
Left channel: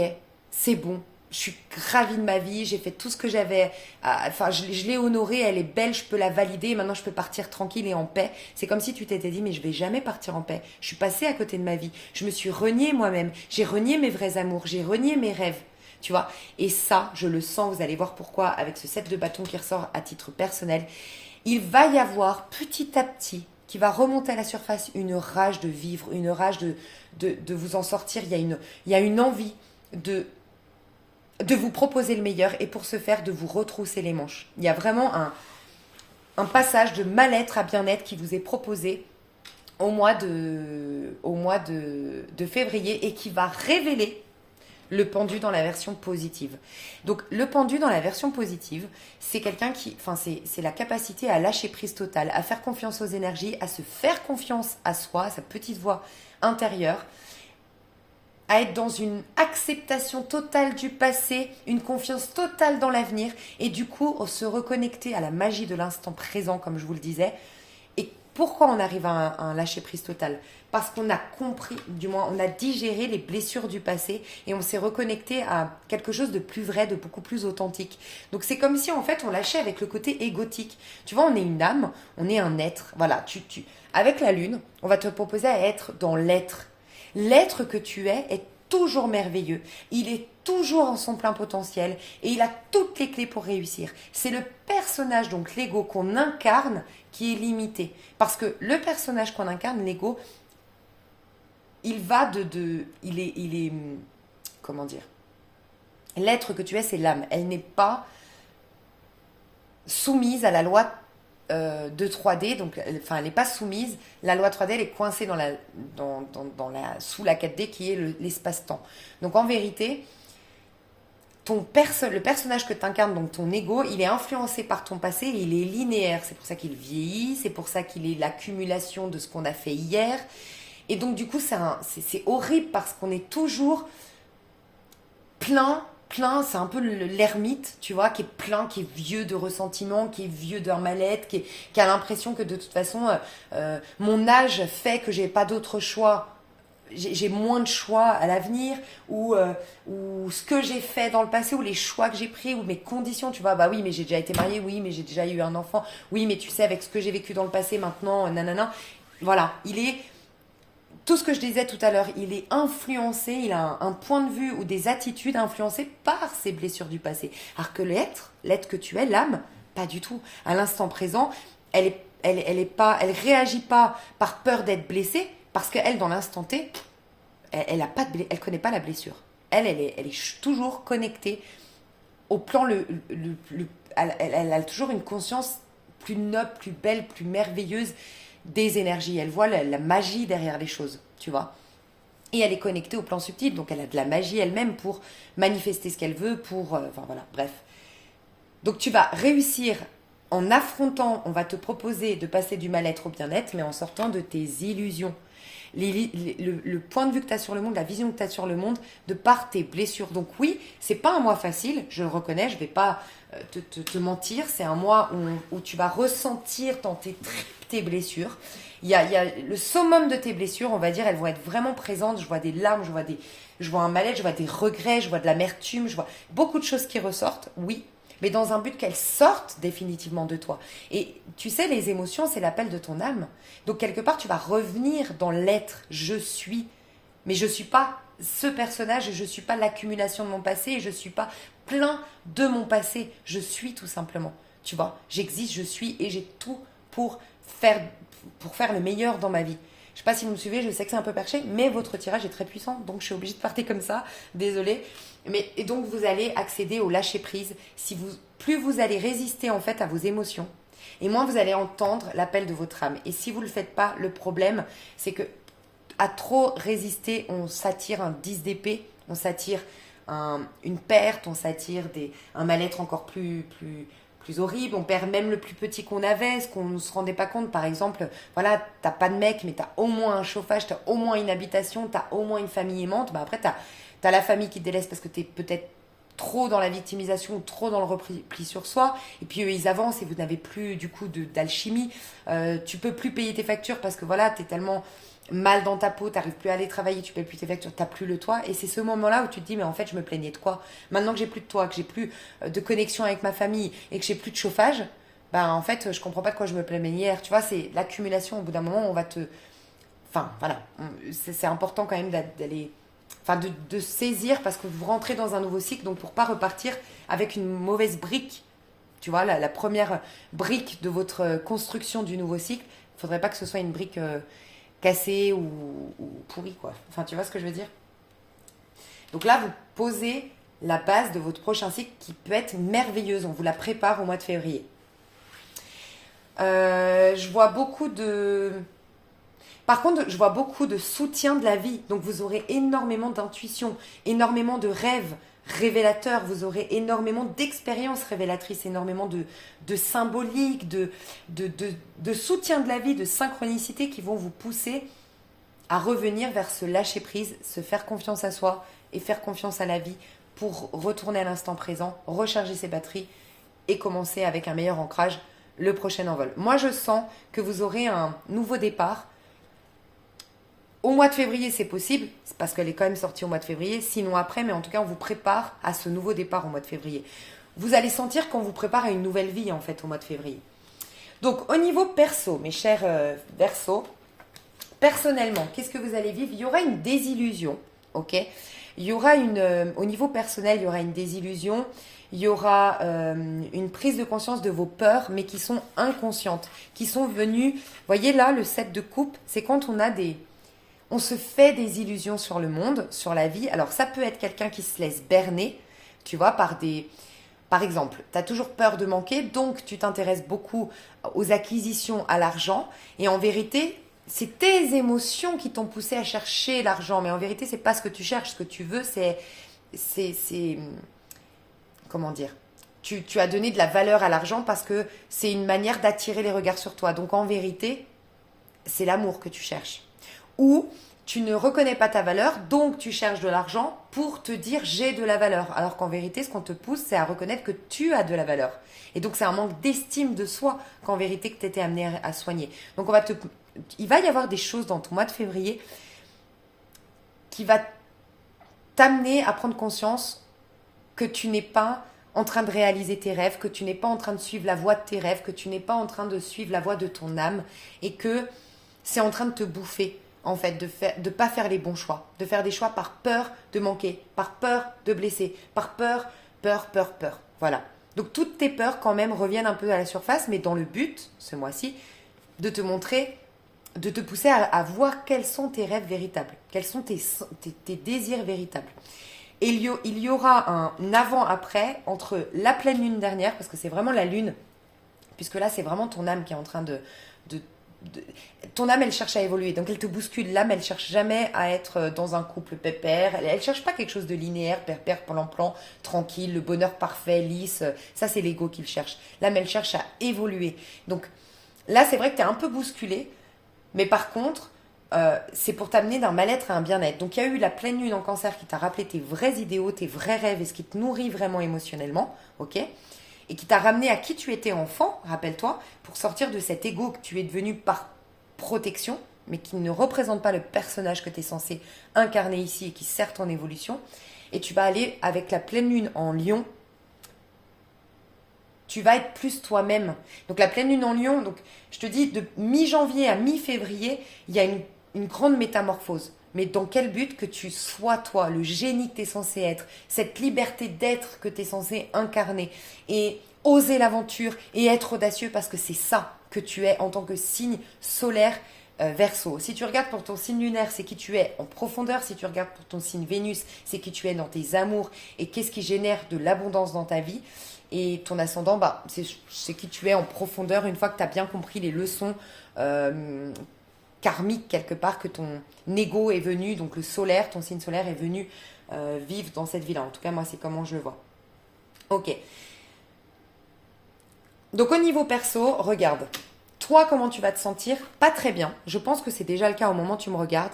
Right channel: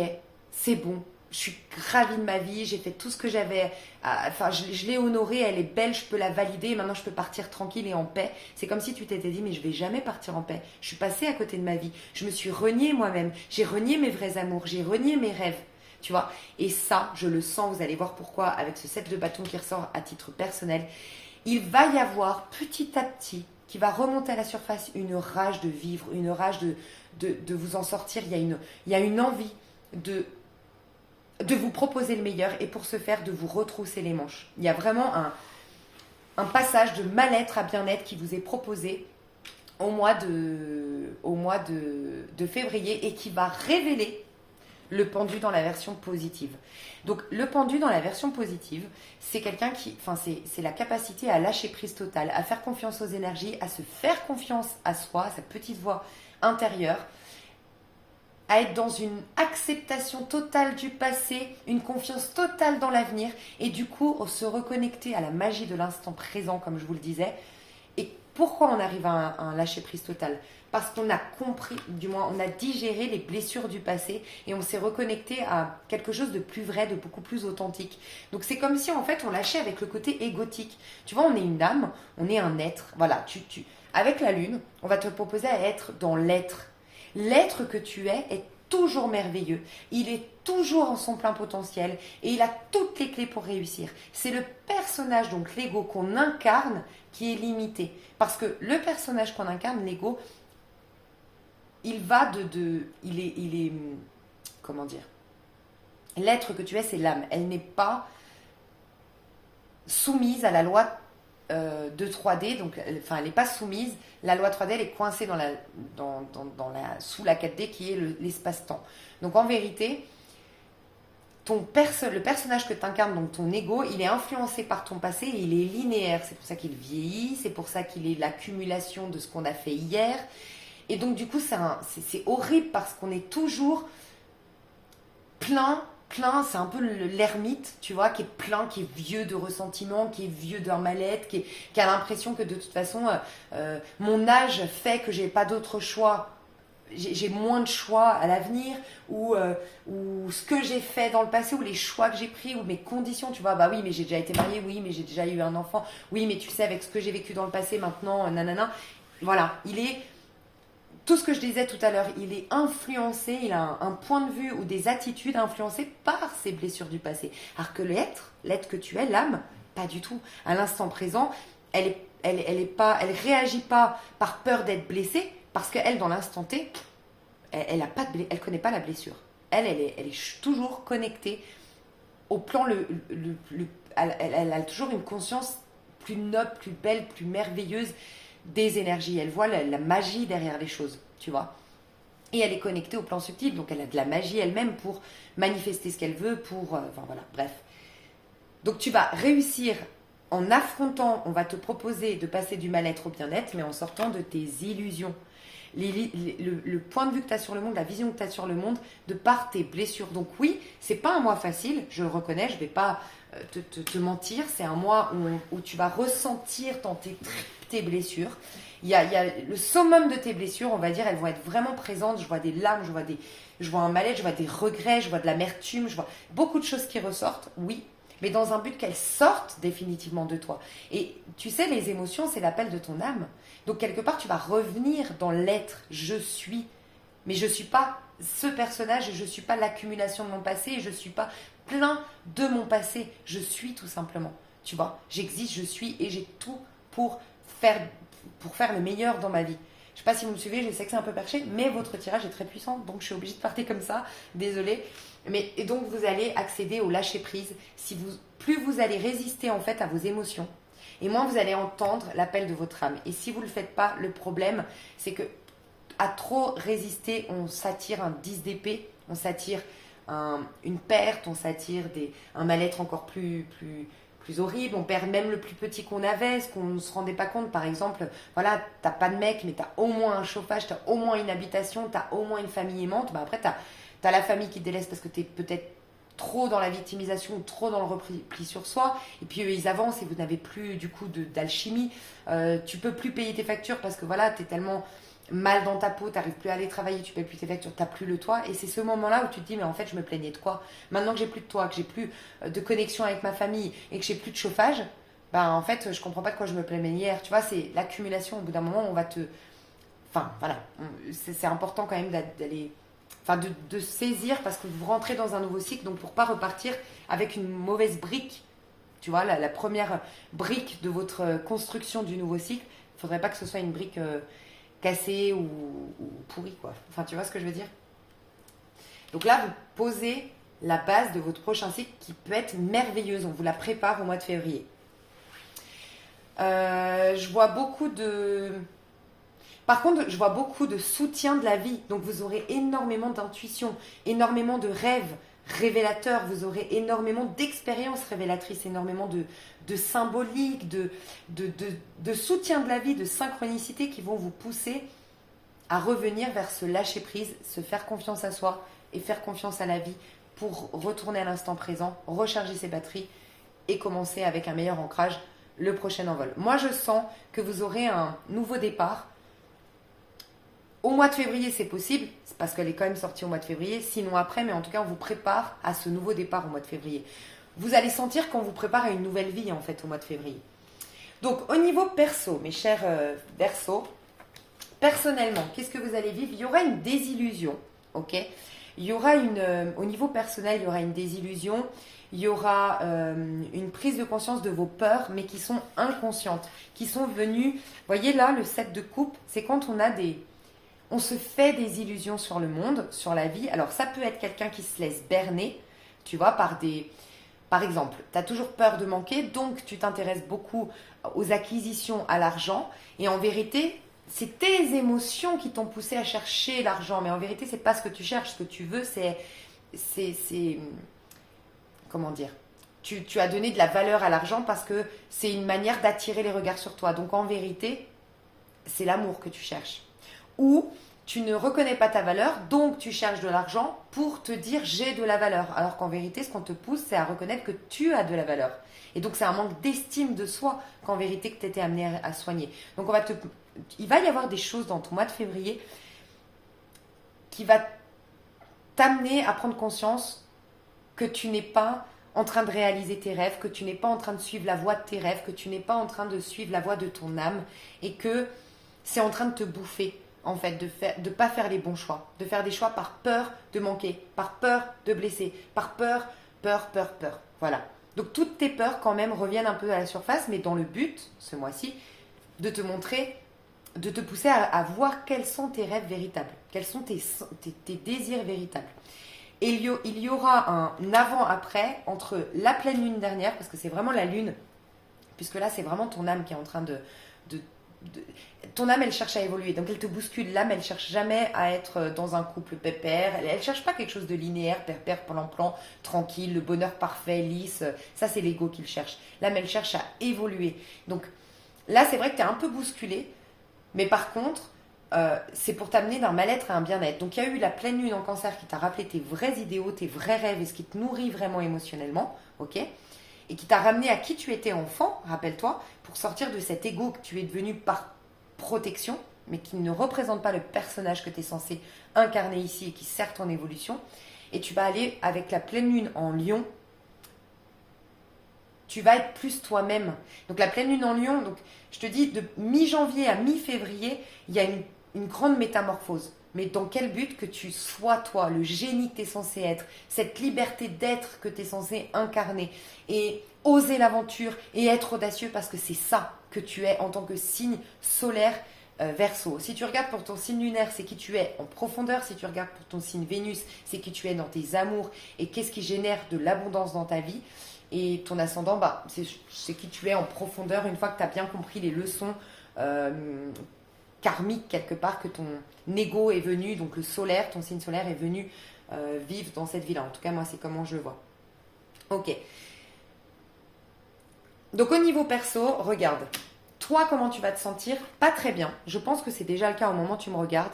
c'est bon, je suis ravie de ma vie, j'ai fait tout ce que j'avais, je l'ai honorée, elle est belle, je peux la valider, maintenant je peux partir tranquille et en paix. C'est comme si tu t'étais dit, mais je vais jamais partir en paix, je suis passée à côté de ma vie, je me suis reniée moi-même, j'ai renié mes vrais amours, j'ai renié mes rêves, tu vois. Et ça, je le sens, vous allez voir pourquoi, avec ce 7 de bâton qui ressort à titre personnel, il va y avoir petit à petit, qui va remonter à la surface, une rage de vivre, une rage de vous en sortir. Il y a une envie de vous proposer le meilleur, et pour ce faire, de vous retrousser les manches. Il y a vraiment un passage de mal-être à bien-être qui vous est proposé au mois de février, et qui va révéler le pendu dans la version positive. Donc le pendu dans la version positive, c'est quelqu'un c'est la capacité à lâcher prise totale, à faire confiance aux énergies, à se faire confiance à soi, à sa petite voix intérieure, à être dans une acceptation totale du passé, une confiance totale dans l'avenir, et du coup se reconnecter à la magie de l'instant présent, comme je vous le disais. Et pourquoi on arrive à un lâcher-prise total? Parce qu'on a compris, du moins on a digéré les blessures du passé, et on s'est reconnecté à quelque chose de plus vrai, de beaucoup plus authentique. Donc c'est comme si en fait on lâchait avec le côté égotique. Tu vois, on est une âme, on est un être. Voilà, avec la lune, on va te proposer à être dans l'être. L'être que tu est toujours merveilleux. Il est toujours en son plein potentiel, et il a toutes les clés pour réussir. C'est le personnage, donc l'ego qu'on incarne, qui est limité. Parce que le personnage qu'on incarne, l'ego, il va il est, comment dire, l'être que tu es, c'est l'âme. Elle n'est pas soumise à la loi de 3D, donc elle n'est pas soumise. La loi 3D, elle est coincée sous la 4D, qui est l'espace-temps. Donc en vérité, le personnage que tu incarnes, donc ton ego, il est influencé par ton passé, et il est linéaire. C'est pour ça qu'il vieillit, c'est pour ça qu'il est l'accumulation de ce qu'on a fait hier. Et donc du coup, c'est horrible, parce qu'on est toujours plein plein, c'est un peu l'ermite, tu vois, qui est plein, qui est vieux de ressentiment, qui est vieux d'un mal-être, qui a l'impression que de toute façon, mon âge fait que j'ai pas d'autre choix. J'ai moins de choix à l'avenir, ou ce que j'ai fait dans le passé, ou les choix que j'ai pris, ou mes conditions, tu vois, bah oui, mais j'ai déjà été mariée, oui, mais j'ai déjà eu un enfant, oui, mais tu sais, avec ce que j'ai vécu dans le passé, maintenant, nanana. Voilà, tout ce que je disais tout à l'heure, il est influencé, il a un point de vue ou des attitudes influencées par ses blessures du passé. Alors que l'être que tu es, l'âme, pas du tout. À l'instant présent, elle réagit pas par peur d'être blessée, parce qu'elle, dans l'instant T, elle connaît pas la blessure. Elle est toujours connectée au plan elle a toujours une conscience plus noble, plus belle, plus merveilleuse des énergies. Elle voit la magie derrière les choses, tu vois. Et elle est connectée au plan subtil, donc elle a de la magie elle-même pour manifester ce qu'elle veut, enfin voilà, bref. Donc tu vas réussir en affrontant, on va te proposer de passer du mal-être au bien-être, mais en sortant de tes illusions. Le point de vue que tu as sur le monde, la vision que tu as sur le monde, de par tes blessures. Donc oui, c'est pas un mois facile, je le reconnais, je vais pas te mentir, c'est un mois où tu vas ressentir dans tes tripes tes blessures. Il y a le summum de tes blessures, on va dire, elles vont être vraiment présentes. Je vois des larmes, je vois un mal-être, je vois des regrets, je vois de l'amertume, je vois beaucoup de choses qui ressortent, oui, mais dans un but qu'elles sortent définitivement de toi. Et tu sais, les émotions, c'est l'appel de ton âme. Donc quelque part, tu vas revenir dans l'être, je suis. Mais je ne suis pas ce personnage et je ne suis pas l'accumulation de mon passé et je ne suis pas plein de mon passé. Je suis tout simplement. Tu vois, j'existe, je suis et j'ai tout pour faire le meilleur dans ma vie. Je ne sais pas si vous me suivez, je sais que c'est un peu perché, mais votre tirage est très puissant, donc je suis obligée de partir comme ça, désolée. Et donc vous allez accéder au lâcher prise. Plus vous allez résister en fait à vos émotions, et moins vous allez entendre l'appel de votre âme. Et si vous ne le faites pas, le problème, c'est que à trop résister, on s'attire un 10 d'épée, on s'attire une perte, on s'attire un mal-être encore plus horrible, on perd même le plus petit qu'on avait, ce qu'on ne se rendait pas compte. Par exemple, voilà, t'as pas de mec, mais t'as au moins un chauffage, t'as au moins une habitation, t'as au moins une famille aimante. Bah après, t'as la famille qui te délaisse parce que t'es peut-être trop dans la victimisation ou trop dans le repli sur soi, et puis eux ils avancent et vous n'avez plus du coup d'alchimie. Tu peux plus payer tes factures parce que voilà, t'es tellement mal dans ta peau, t'arrives plus à aller travailler, tu payes plus tes factures, t'as plus le toit, et c'est ce moment-là où tu te dis mais en fait je me plaignais de quoi? Maintenant que j'ai plus de toit, que j'ai plus de connexion avec ma famille et que j'ai plus de chauffage, ben en fait je comprends pas de quoi je me plaignais hier, tu vois, c'est l'accumulation. Au bout d'un moment on va enfin voilà, c'est important quand même d'aller, enfin de saisir, parce que vous rentrez dans un nouveau cycle, donc pour pas repartir avec une mauvaise brique, tu vois, la première brique de votre construction du nouveau cycle, il faudrait pas que ce soit une brique cassée ou pourrie, quoi. Enfin, tu vois ce que je veux dire? Donc là, vous posez la base de votre prochain cycle qui peut être merveilleuse. On vous la prépare au mois de février. Je vois beaucoup de... Par contre, je vois beaucoup de soutien de la vie. Donc, vous aurez énormément d'intuition, énormément de rêves révélateurs. Vous aurez énormément d'expériences révélatrices, énormément de symbolique, de soutien de la vie, de synchronicité qui vont vous pousser à revenir vers ce lâcher-prise, se faire confiance à soi et faire confiance à la vie pour retourner à l'instant présent, recharger ses batteries et commencer avec un meilleur ancrage le prochain envol. Moi, je sens que vous aurez un nouveau départ. Au mois de février, c'est possible, c'est parce qu'elle est quand même sortie au mois de février, sinon après, mais en tout cas, on vous prépare à ce nouveau départ au mois de février. Vous allez sentir qu'on vous prépare à une nouvelle vie, en fait, au mois de février. Donc, au niveau perso, mes chers Verseaux, personnellement, qu'est-ce que vous allez vivre? Il y aura une désillusion, ok? Il y aura au niveau personnel, il y aura une désillusion, il y aura une prise de conscience de vos peurs, mais qui sont inconscientes, qui sont venues... Vous voyez là, le 7 de coupe, c'est quand on se fait des illusions sur le monde, sur la vie. Alors, ça peut être quelqu'un qui se laisse berner, tu vois, par exemple, tu as toujours peur de manquer, donc tu t'intéresses beaucoup aux acquisitions, à l'argent. Et en vérité, c'est tes émotions qui t'ont poussé à chercher l'argent. Mais en vérité, c'est pas ce que tu cherches. Ce que tu veux, c'est comment dire? Tu as donné de la valeur à l'argent parce que c'est une manière d'attirer les regards sur toi. Donc, en vérité, c'est l'amour que tu cherches. Ou tu ne reconnais pas ta valeur, donc tu cherches de l'argent pour te dire j'ai de la valeur. Alors qu'en vérité, ce qu'on te pousse, c'est à reconnaître que tu as de la valeur. Et donc c'est un manque d'estime de soi qu'en vérité que tu étais amené à soigner. Donc il va y avoir des choses dans ton mois de février qui va t'amener à prendre conscience que tu n'es pas en train de réaliser tes rêves, que tu n'es pas en train de suivre la voie de tes rêves, que tu n'es pas en train de suivre la voie de ton âme et que c'est en train de te bouffer, en fait, de pas faire les bons choix, de faire des choix par peur de manquer, par peur de blesser, par peur. Voilà. Donc toutes tes peurs quand même reviennent un peu à la surface, mais dans le but, ce mois-ci, de te montrer, de te pousser à voir quels sont tes rêves véritables, quels sont tes désirs véritables. Et il y aura un avant-après entre la pleine lune dernière, parce que c'est vraiment la lune, puisque là c'est vraiment ton âme qui est en train de ton âme, elle cherche à évoluer, donc elle te bouscule. L'âme, elle cherche jamais à être dans un couple pépère, elle cherche pas quelque chose de linéaire, pépère, plan, tranquille, le bonheur parfait, lisse. Ça, c'est l'ego qui le cherche. L'âme, elle cherche à évoluer. Donc là, c'est vrai que tu es un peu bousculé, mais par contre, c'est pour t'amener d'un mal-être à un bien-être. Donc il y a eu la pleine lune en Cancer qui t'a rappelé tes vrais idéaux, tes vrais rêves et ce qui te nourrit vraiment émotionnellement, ok, et qui t'a ramené à qui tu étais enfant, rappelle-toi, pour sortir de cet ego que tu es devenu par protection, mais qui ne représente pas le personnage que tu es censé incarner ici et qui sert ton évolution. Et tu vas aller avec la pleine lune en Lion, tu vas être plus toi-même. Donc la pleine lune en Lion, donc je te dis, de mi-janvier à mi-février, il y a une grande métamorphose. Mais dans quel but? Que tu sois toi, le génie que tu es censé être, cette liberté d'être que tu es censé incarner, et oser l'aventure et être audacieux, parce que c'est ça que tu es en tant que signe solaire Verseau. Si tu regardes pour ton signe lunaire, c'est qui tu es en profondeur. Si tu regardes pour ton signe Vénus, c'est qui tu es dans tes amours et qu'est-ce qui génère de l'abondance dans ta vie. Et ton ascendant, c'est qui tu es en profondeur une fois que tu as bien compris les leçons karmiques quelque part, que ton ego est venu, donc le solaire, ton signe solaire est venu vivre dans cette vie-là. En tout cas, moi, c'est comment je le vois. Ok. Donc au niveau perso, regarde. Toi, comment tu vas te sentir? Pas très bien. Je pense que c'est déjà le cas au moment où tu me regardes.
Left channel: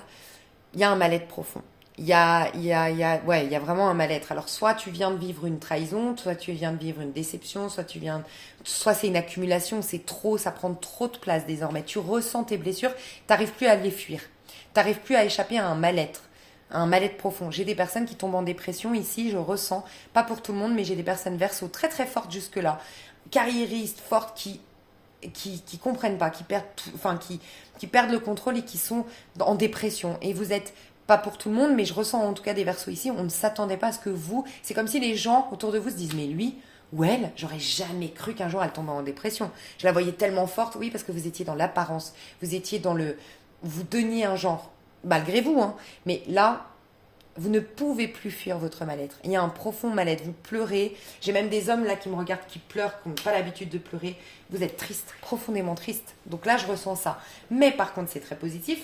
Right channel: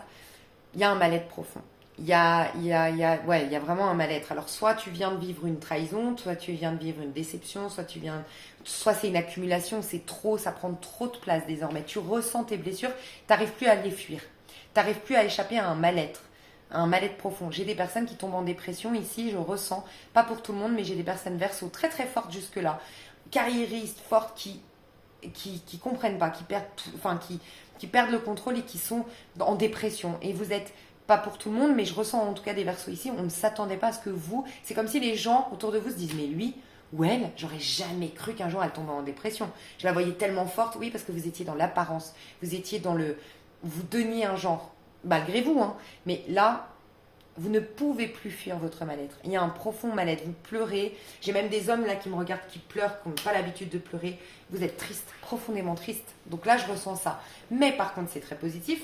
Il y a un mal-être profond. Il y a vraiment un mal-être. Alors, soit tu viens de vivre une trahison, soit tu viens de vivre une déception, soit c'est une accumulation, c'est trop, ça prend trop de place désormais. Tu ressens tes blessures, tu n'arrives plus à les fuir. Tu n'arrives plus à échapper à un mal-être profond. J'ai des personnes qui tombent en dépression ici, je ressens, pas pour tout le monde, mais j'ai des personnes Verseau très très fortes jusque-là, carriéristes, fortes, qui comprennent pas, qui perdent le contrôle et qui sont en dépression. Et vous êtes pas pour tout le monde, mais je ressens en tout cas des Verseaux ici, on ne s'attendait pas à ce que c'est comme si les gens autour de vous se disent, mais lui ou elle, j'aurais jamais cru qu'un jour elle tombe en dépression. Je la voyais tellement forte, oui, parce que vous étiez dans l'apparence, vous étiez vous donniez un genre, malgré vous, hein, mais là, vous ne pouvez plus fuir votre mal-être. Il y a un profond mal-être, vous pleurez. J'ai même des hommes là qui me regardent, qui pleurent, qui n'ont pas l'habitude de pleurer. Vous êtes triste, profondément triste. Donc là, je ressens ça. Mais par contre, c'est très positif,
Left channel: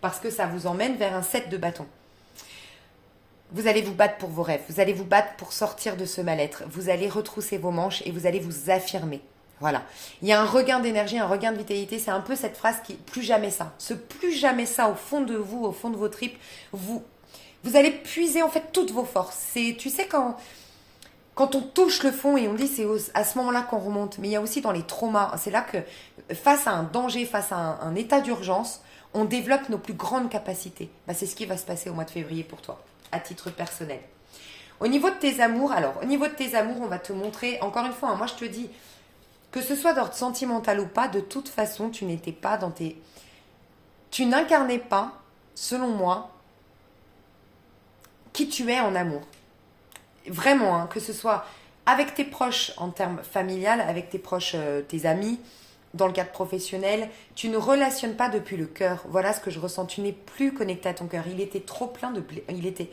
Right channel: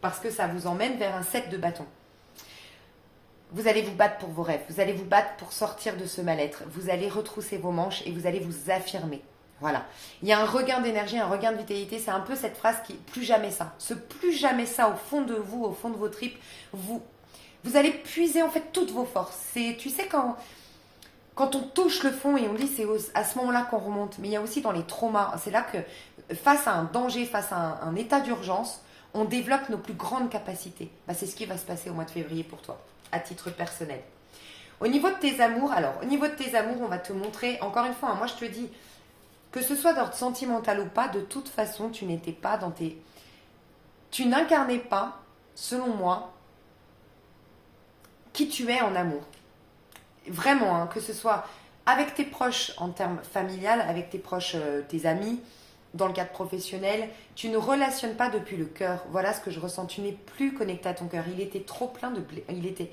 parce que ça vous emmène vers un 7 de bâton. Vous allez vous battre pour vos rêves, vous allez vous battre pour sortir de ce mal-être, vous allez retrousser vos manches et vous allez vous affirmer. Voilà. Il y a un regain d'énergie, un regain de vitalité, c'est un peu cette phrase qui plus jamais ça. Ce plus jamais ça au fond de vous, au fond de vos tripes, vous allez puiser en fait toutes vos forces. Tu sais, quand on touche le fond et on dit c'est à ce moment-là qu'on remonte, mais il y a aussi dans les traumas, c'est là que face à un danger, face à un état d'urgence, on développe nos plus grandes capacités. C'est ce qui va se passer au mois de février pour toi, à titre personnel. Au niveau de tes amours, on va te montrer, encore une fois, moi je te dis, que ce soit d'ordre sentimental ou pas, de toute façon, tu n'étais pas dans tes... Tu n'incarnais pas, selon moi, qui tu es en amour. Vraiment, hein, que ce soit avec tes proches en termes familial, avec tes proches, tes amis, dans le cadre professionnel, tu ne relationnes pas depuis le cœur. Voilà ce que je ressens. Tu n'es plus connecté à ton cœur. Il était trop plein il était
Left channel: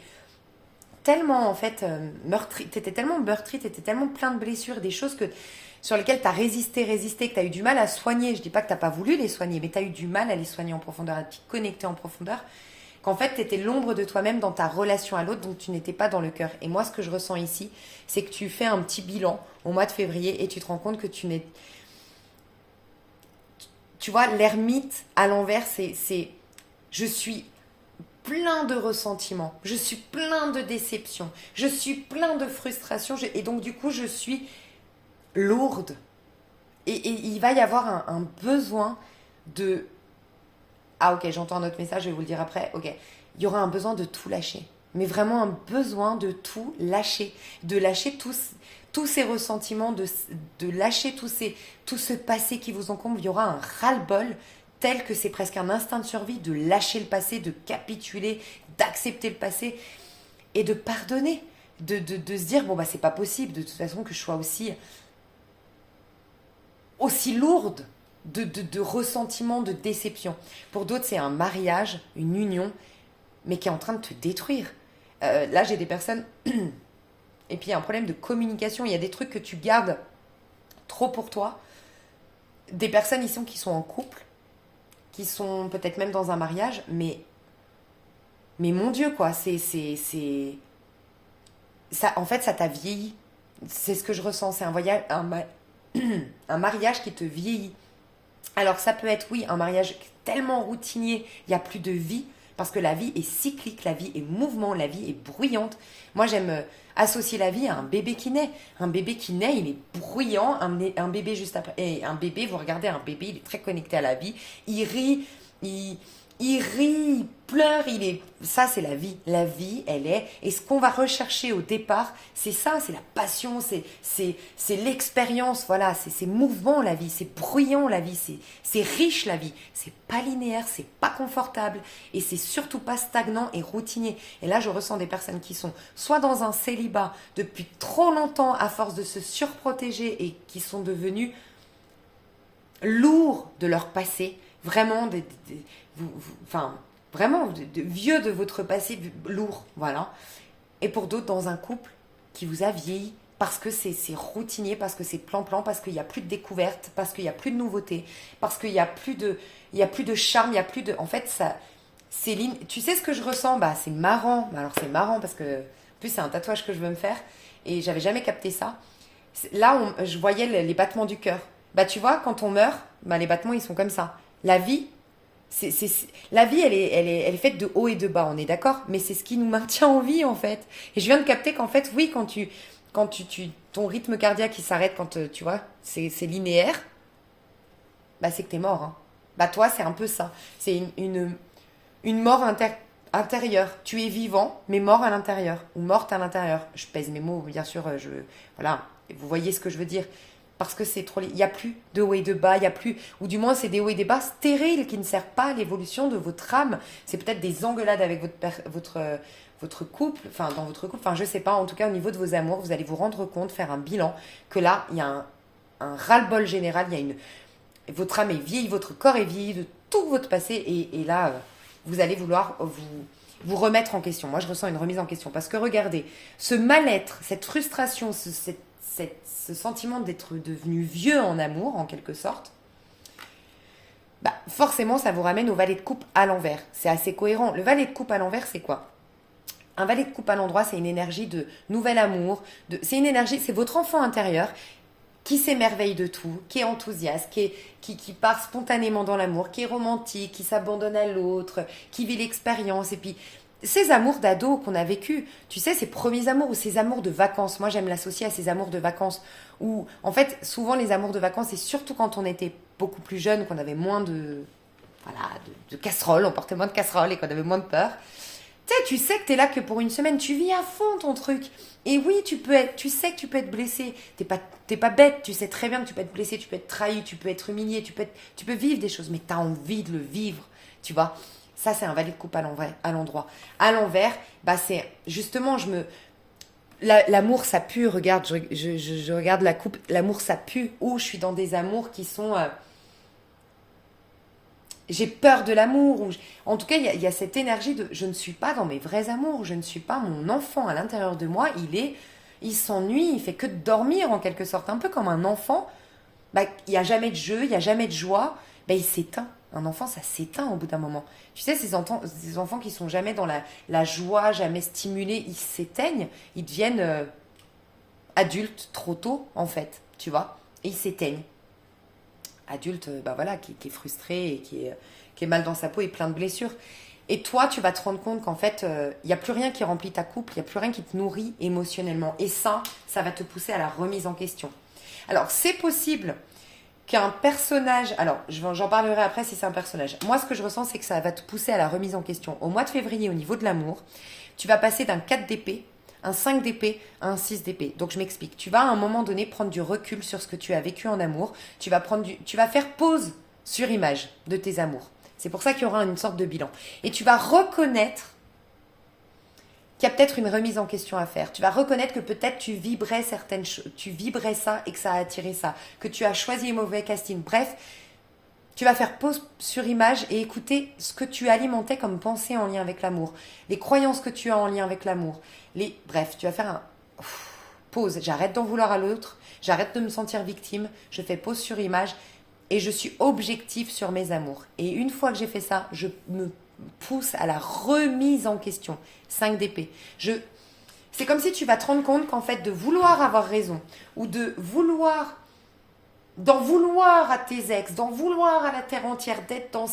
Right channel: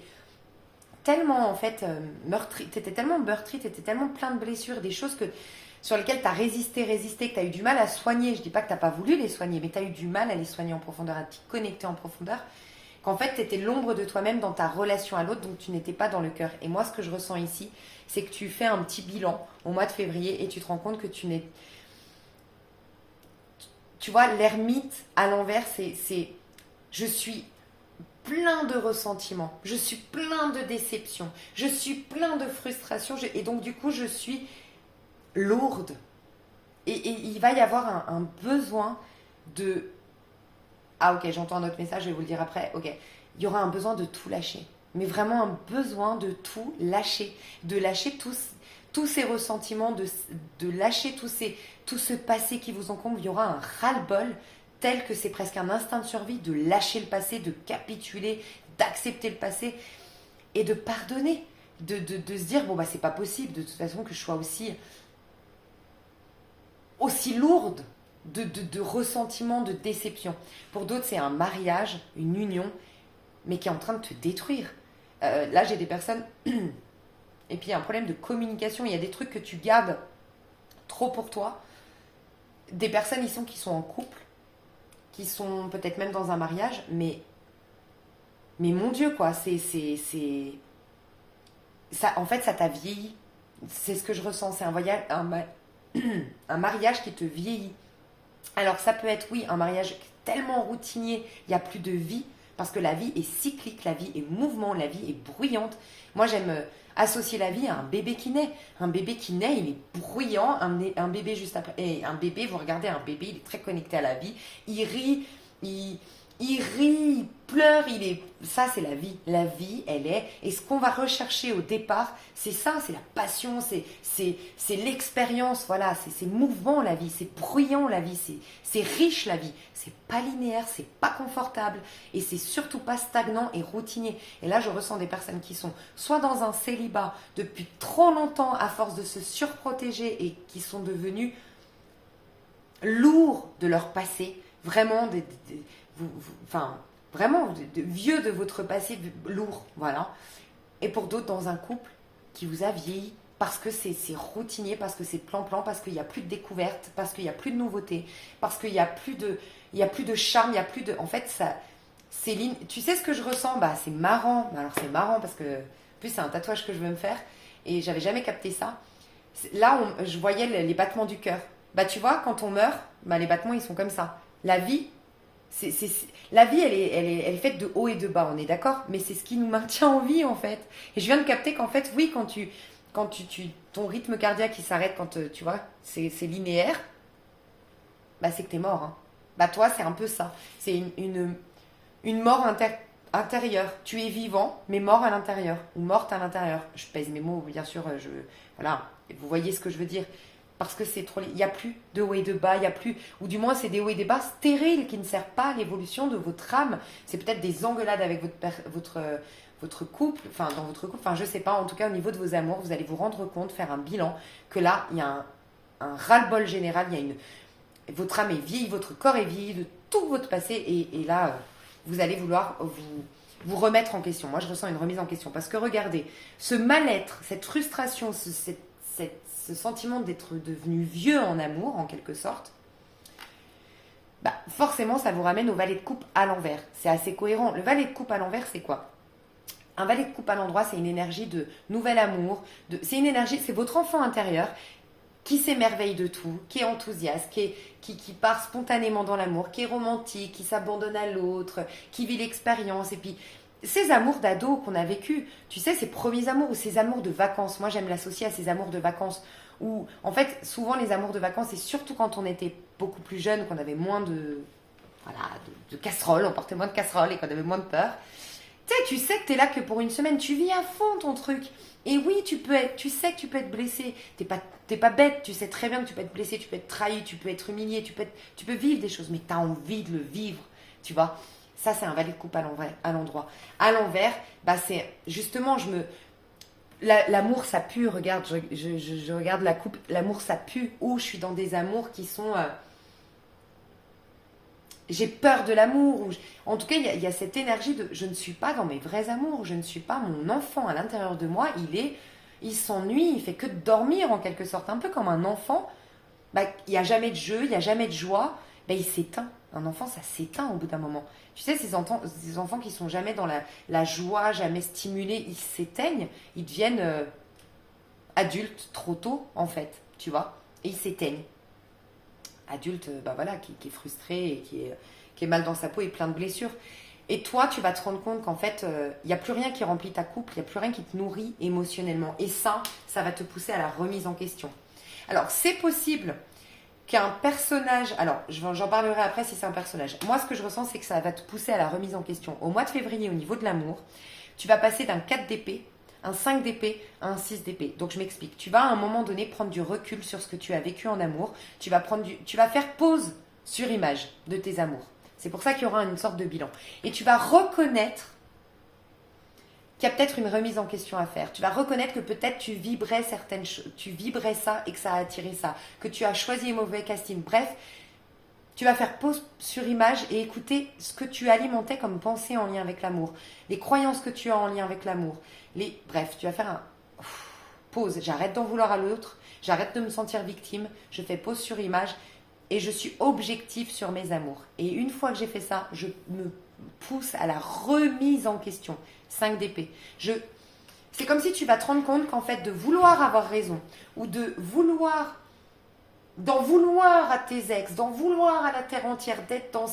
tellement, en fait, meurtri. Tu étais tellement meurtri, tu étais tellement plein de blessures, des choses sur lesquelles tu as résisté, que tu as eu du mal à soigner. Je ne dis pas que tu n'as pas voulu les soigner, mais tu as eu du mal à les soigner en profondeur, à te connecter en profondeur. Qu'en fait, tu étais l'ombre de toi-même dans ta relation à l'autre, donc tu n'étais pas dans le cœur. Et moi, ce que je ressens ici, c'est que tu fais un petit bilan au mois de février et tu te rends compte que tu n'es... Tu vois, l'ermite à l'envers, c'est je suis plein de ressentiments, je suis plein de déceptions, je suis plein de frustration, et donc du coup je suis lourde. Et il va y avoir un besoin de... Ah ok, j'entends un autre message, je vais vous le dire après. Ok, il y aura un besoin de tout lâcher. Mais vraiment un besoin de tout lâcher. De lâcher tous ces ressentiments, de lâcher tout ce passé qui vous encombre. Il y aura un ras-le-bol tel que c'est presque un instinct de survie de lâcher le passé, de capituler, d'accepter le passé et de pardonner. De se dire, bon bah c'est pas possible de toute façon que je sois aussi lourde de ressentiments, de déception. Pour d'autres, c'est un mariage, une union, mais qui est en train de te détruire. Là, j'ai des personnes... Et puis, il y a un problème de communication. Il y a des trucs que tu gardes trop pour toi. Des personnes ici qui sont en couple, qui sont peut-être même dans un mariage, mais mon Dieu, quoi, ça, en fait, ça t'a vieilli. C'est ce que je ressens. C'est un mariage qui te vieillit. Alors ça peut être, oui, un mariage tellement routinier, il n'y a plus de vie, parce que la vie est cyclique, la vie est mouvement, la vie est bruyante. Moi, j'aime associer la vie à un bébé qui naît. Un bébé qui naît, il est bruyant, un bébé juste après. Et un bébé, vous regardez un bébé, il est très connecté à la vie, il rit, il rit, il pleure, ça c'est la vie. La vie, elle est, et ce qu'on va rechercher au départ, c'est ça, c'est la passion, c'est l'expérience, voilà, c'est mouvant la vie, c'est bruyant la vie, c'est riche la vie, c'est pas linéaire, c'est pas confortable, et c'est surtout pas stagnant et routinier. Et là, je ressens des personnes qui sont soit dans un célibat depuis trop longtemps à force de se surprotéger et qui sont devenus lourds de leur passé, vraiment enfin, vraiment de vieux de votre passé lourd, voilà. Et pour d'autres, dans un couple qui vous a vieilli, parce que c'est routinier, parce que c'est plan-plan, parce qu'il n'y a plus de découverte, parce qu'il n'y a plus de nouveauté, parce qu'il n'y a plus de charme, il n'y a plus de... En fait, ça, tu sais ce que je ressens? Bah, c'est marrant. Alors, c'est marrant parce que, en plus, c'est un tatouage que je veux me faire et j'avais jamais capté ça. Là, je voyais les battements du cœur. Bah, tu vois, quand on meurt, bah, les battements, ils sont comme ça. La vie, la vie, elle est faite de haut et de bas, on est d'accord? Mais c'est ce qui nous maintient en vie, en fait. Et je viens de capter qu'en fait, oui, ton rythme cardiaque, il s'arrête quand, tu vois, c'est linéaire, bah, c'est que t'es mort, hein. Bah, toi, c'est un peu ça. C'est une mort intérieure. Tu es vivant, mais mort à l'intérieur. Ou morte à l'intérieur. Je pèse mes mots, bien sûr. Voilà. Vous voyez ce que je veux dire. Parce que c'est trop... Il n'y a plus de haut et de bas. Il n'y a plus... Ou du moins, c'est des hauts et des bas stériles qui ne servent pas à l'évolution de votre âme. C'est peut-être des engueulades avec votre couple. Enfin, dans votre couple. Enfin, je sais pas. En tout cas, au niveau de vos amours, vous allez vous rendre compte, faire un bilan, que là, il y a un ras-le-bol général. Il y a votre âme est vieille, votre corps est vieilli de tout votre passé. Et là... vous allez vouloir vous remettre en question. Moi, je ressens une remise en question. Parce que regardez, ce mal-être, cette frustration, ce sentiment d'être devenu vieux en amour, en quelque sorte, bah, forcément, ça vous ramène au valet de coupe à l'envers. C'est assez cohérent. Le valet de coupe à l'envers, c'est quoi? Un valet de coupe à l'endroit, c'est une énergie de nouvel amour. C'est une énergie, c'est votre enfant intérieur qui s'émerveille de tout, qui est enthousiaste, qui part spontanément dans l'amour, qui est romantique, qui s'abandonne à l'autre, qui vit l'expérience. Et puis, ces amours d'ado qu'on a vécu, tu sais, ces premiers amours ou ces amours de vacances, moi j'aime l'associer à ces amours de vacances, où en fait, souvent les amours de vacances, c'est surtout quand on était beaucoup plus jeune, qu'on avait moins de casseroles, on portait moins de casseroles et qu'on avait moins de peur. Tu sais que t'es là que pour une semaine, tu vis à fond ton truc. Et oui, tu sais que tu peux être blessé. T'es pas bête, tu sais très bien que tu peux être blessé, tu peux être trahi, tu peux être humilié, tu peux vivre des choses, mais t'as envie de le vivre, tu vois. Ça, c'est un valet de coupe à l'endroit. À l'envers, bah c'est justement, l'amour, ça pue. Regarde, je regarde la coupe, l'amour, ça pue. Ou je suis dans des amours qui sont... j'ai peur de l'amour. En tout cas, il y a cette énergie de je ne suis pas dans mes vrais amours, je ne suis pas mon enfant à l'intérieur de moi, il s'ennuie, il fait que de dormir en quelque sorte, un peu comme un enfant. Bah, il n'y a jamais de jeu, il n'y a jamais de joie, bah, il s'éteint. Un enfant, ça s'éteint au bout d'un moment. Tu sais, ces enfants qui sont jamais dans la joie, jamais stimulés, ils s'éteignent, ils deviennent adultes trop tôt, en fait, tu vois, et ils s'éteignent. Adulte, bah voilà, qui est frustré et qui est mal dans sa peau et plein de blessures. Et toi, tu vas te rendre compte qu'en fait, il n'y a plus rien qui remplit ta couple, il n'y a plus rien qui te nourrit émotionnellement. Et ça va te pousser à la remise en question. Alors, c'est possible qu'un personnage... Alors, j'en parlerai après si c'est un personnage. Moi, ce que je ressens, c'est que ça va te pousser à la remise en question. Au mois de février, au niveau de l'amour, tu vas passer d'un 4 d'épée, un 5 d'épée à un 6 d'épée. Donc, je m'explique. Tu vas à un moment donné prendre du recul sur ce que tu as vécu en amour. Tu vas faire pause sur image de tes amours. C'est pour ça qu'il y aura une sorte de bilan. Et tu vas reconnaître qu'il y a peut-être une remise en question à faire. Tu vas reconnaître que peut-être tu vibrais certaines choses, tu vibrais ça et que ça a attiré ça, que tu as choisi les mauvais castings. Bref, tu vas faire pause sur image et écouter ce que tu alimentais comme pensée en lien avec l'amour, les croyances que tu as en lien avec l'amour. Bref, tu vas faire un pause. J'arrête d'en vouloir à l'autre, j'arrête de me sentir victime, je fais pause sur image. Et je suis objective sur mes amours. Et une fois que j'ai fait ça, je me pousse à la remise en question. 5 d'épée. C'est comme si tu vas te rendre compte qu'en fait, de vouloir avoir raison, ou d'en vouloir à tes ex, d'en vouloir à la terre entière, d'être dans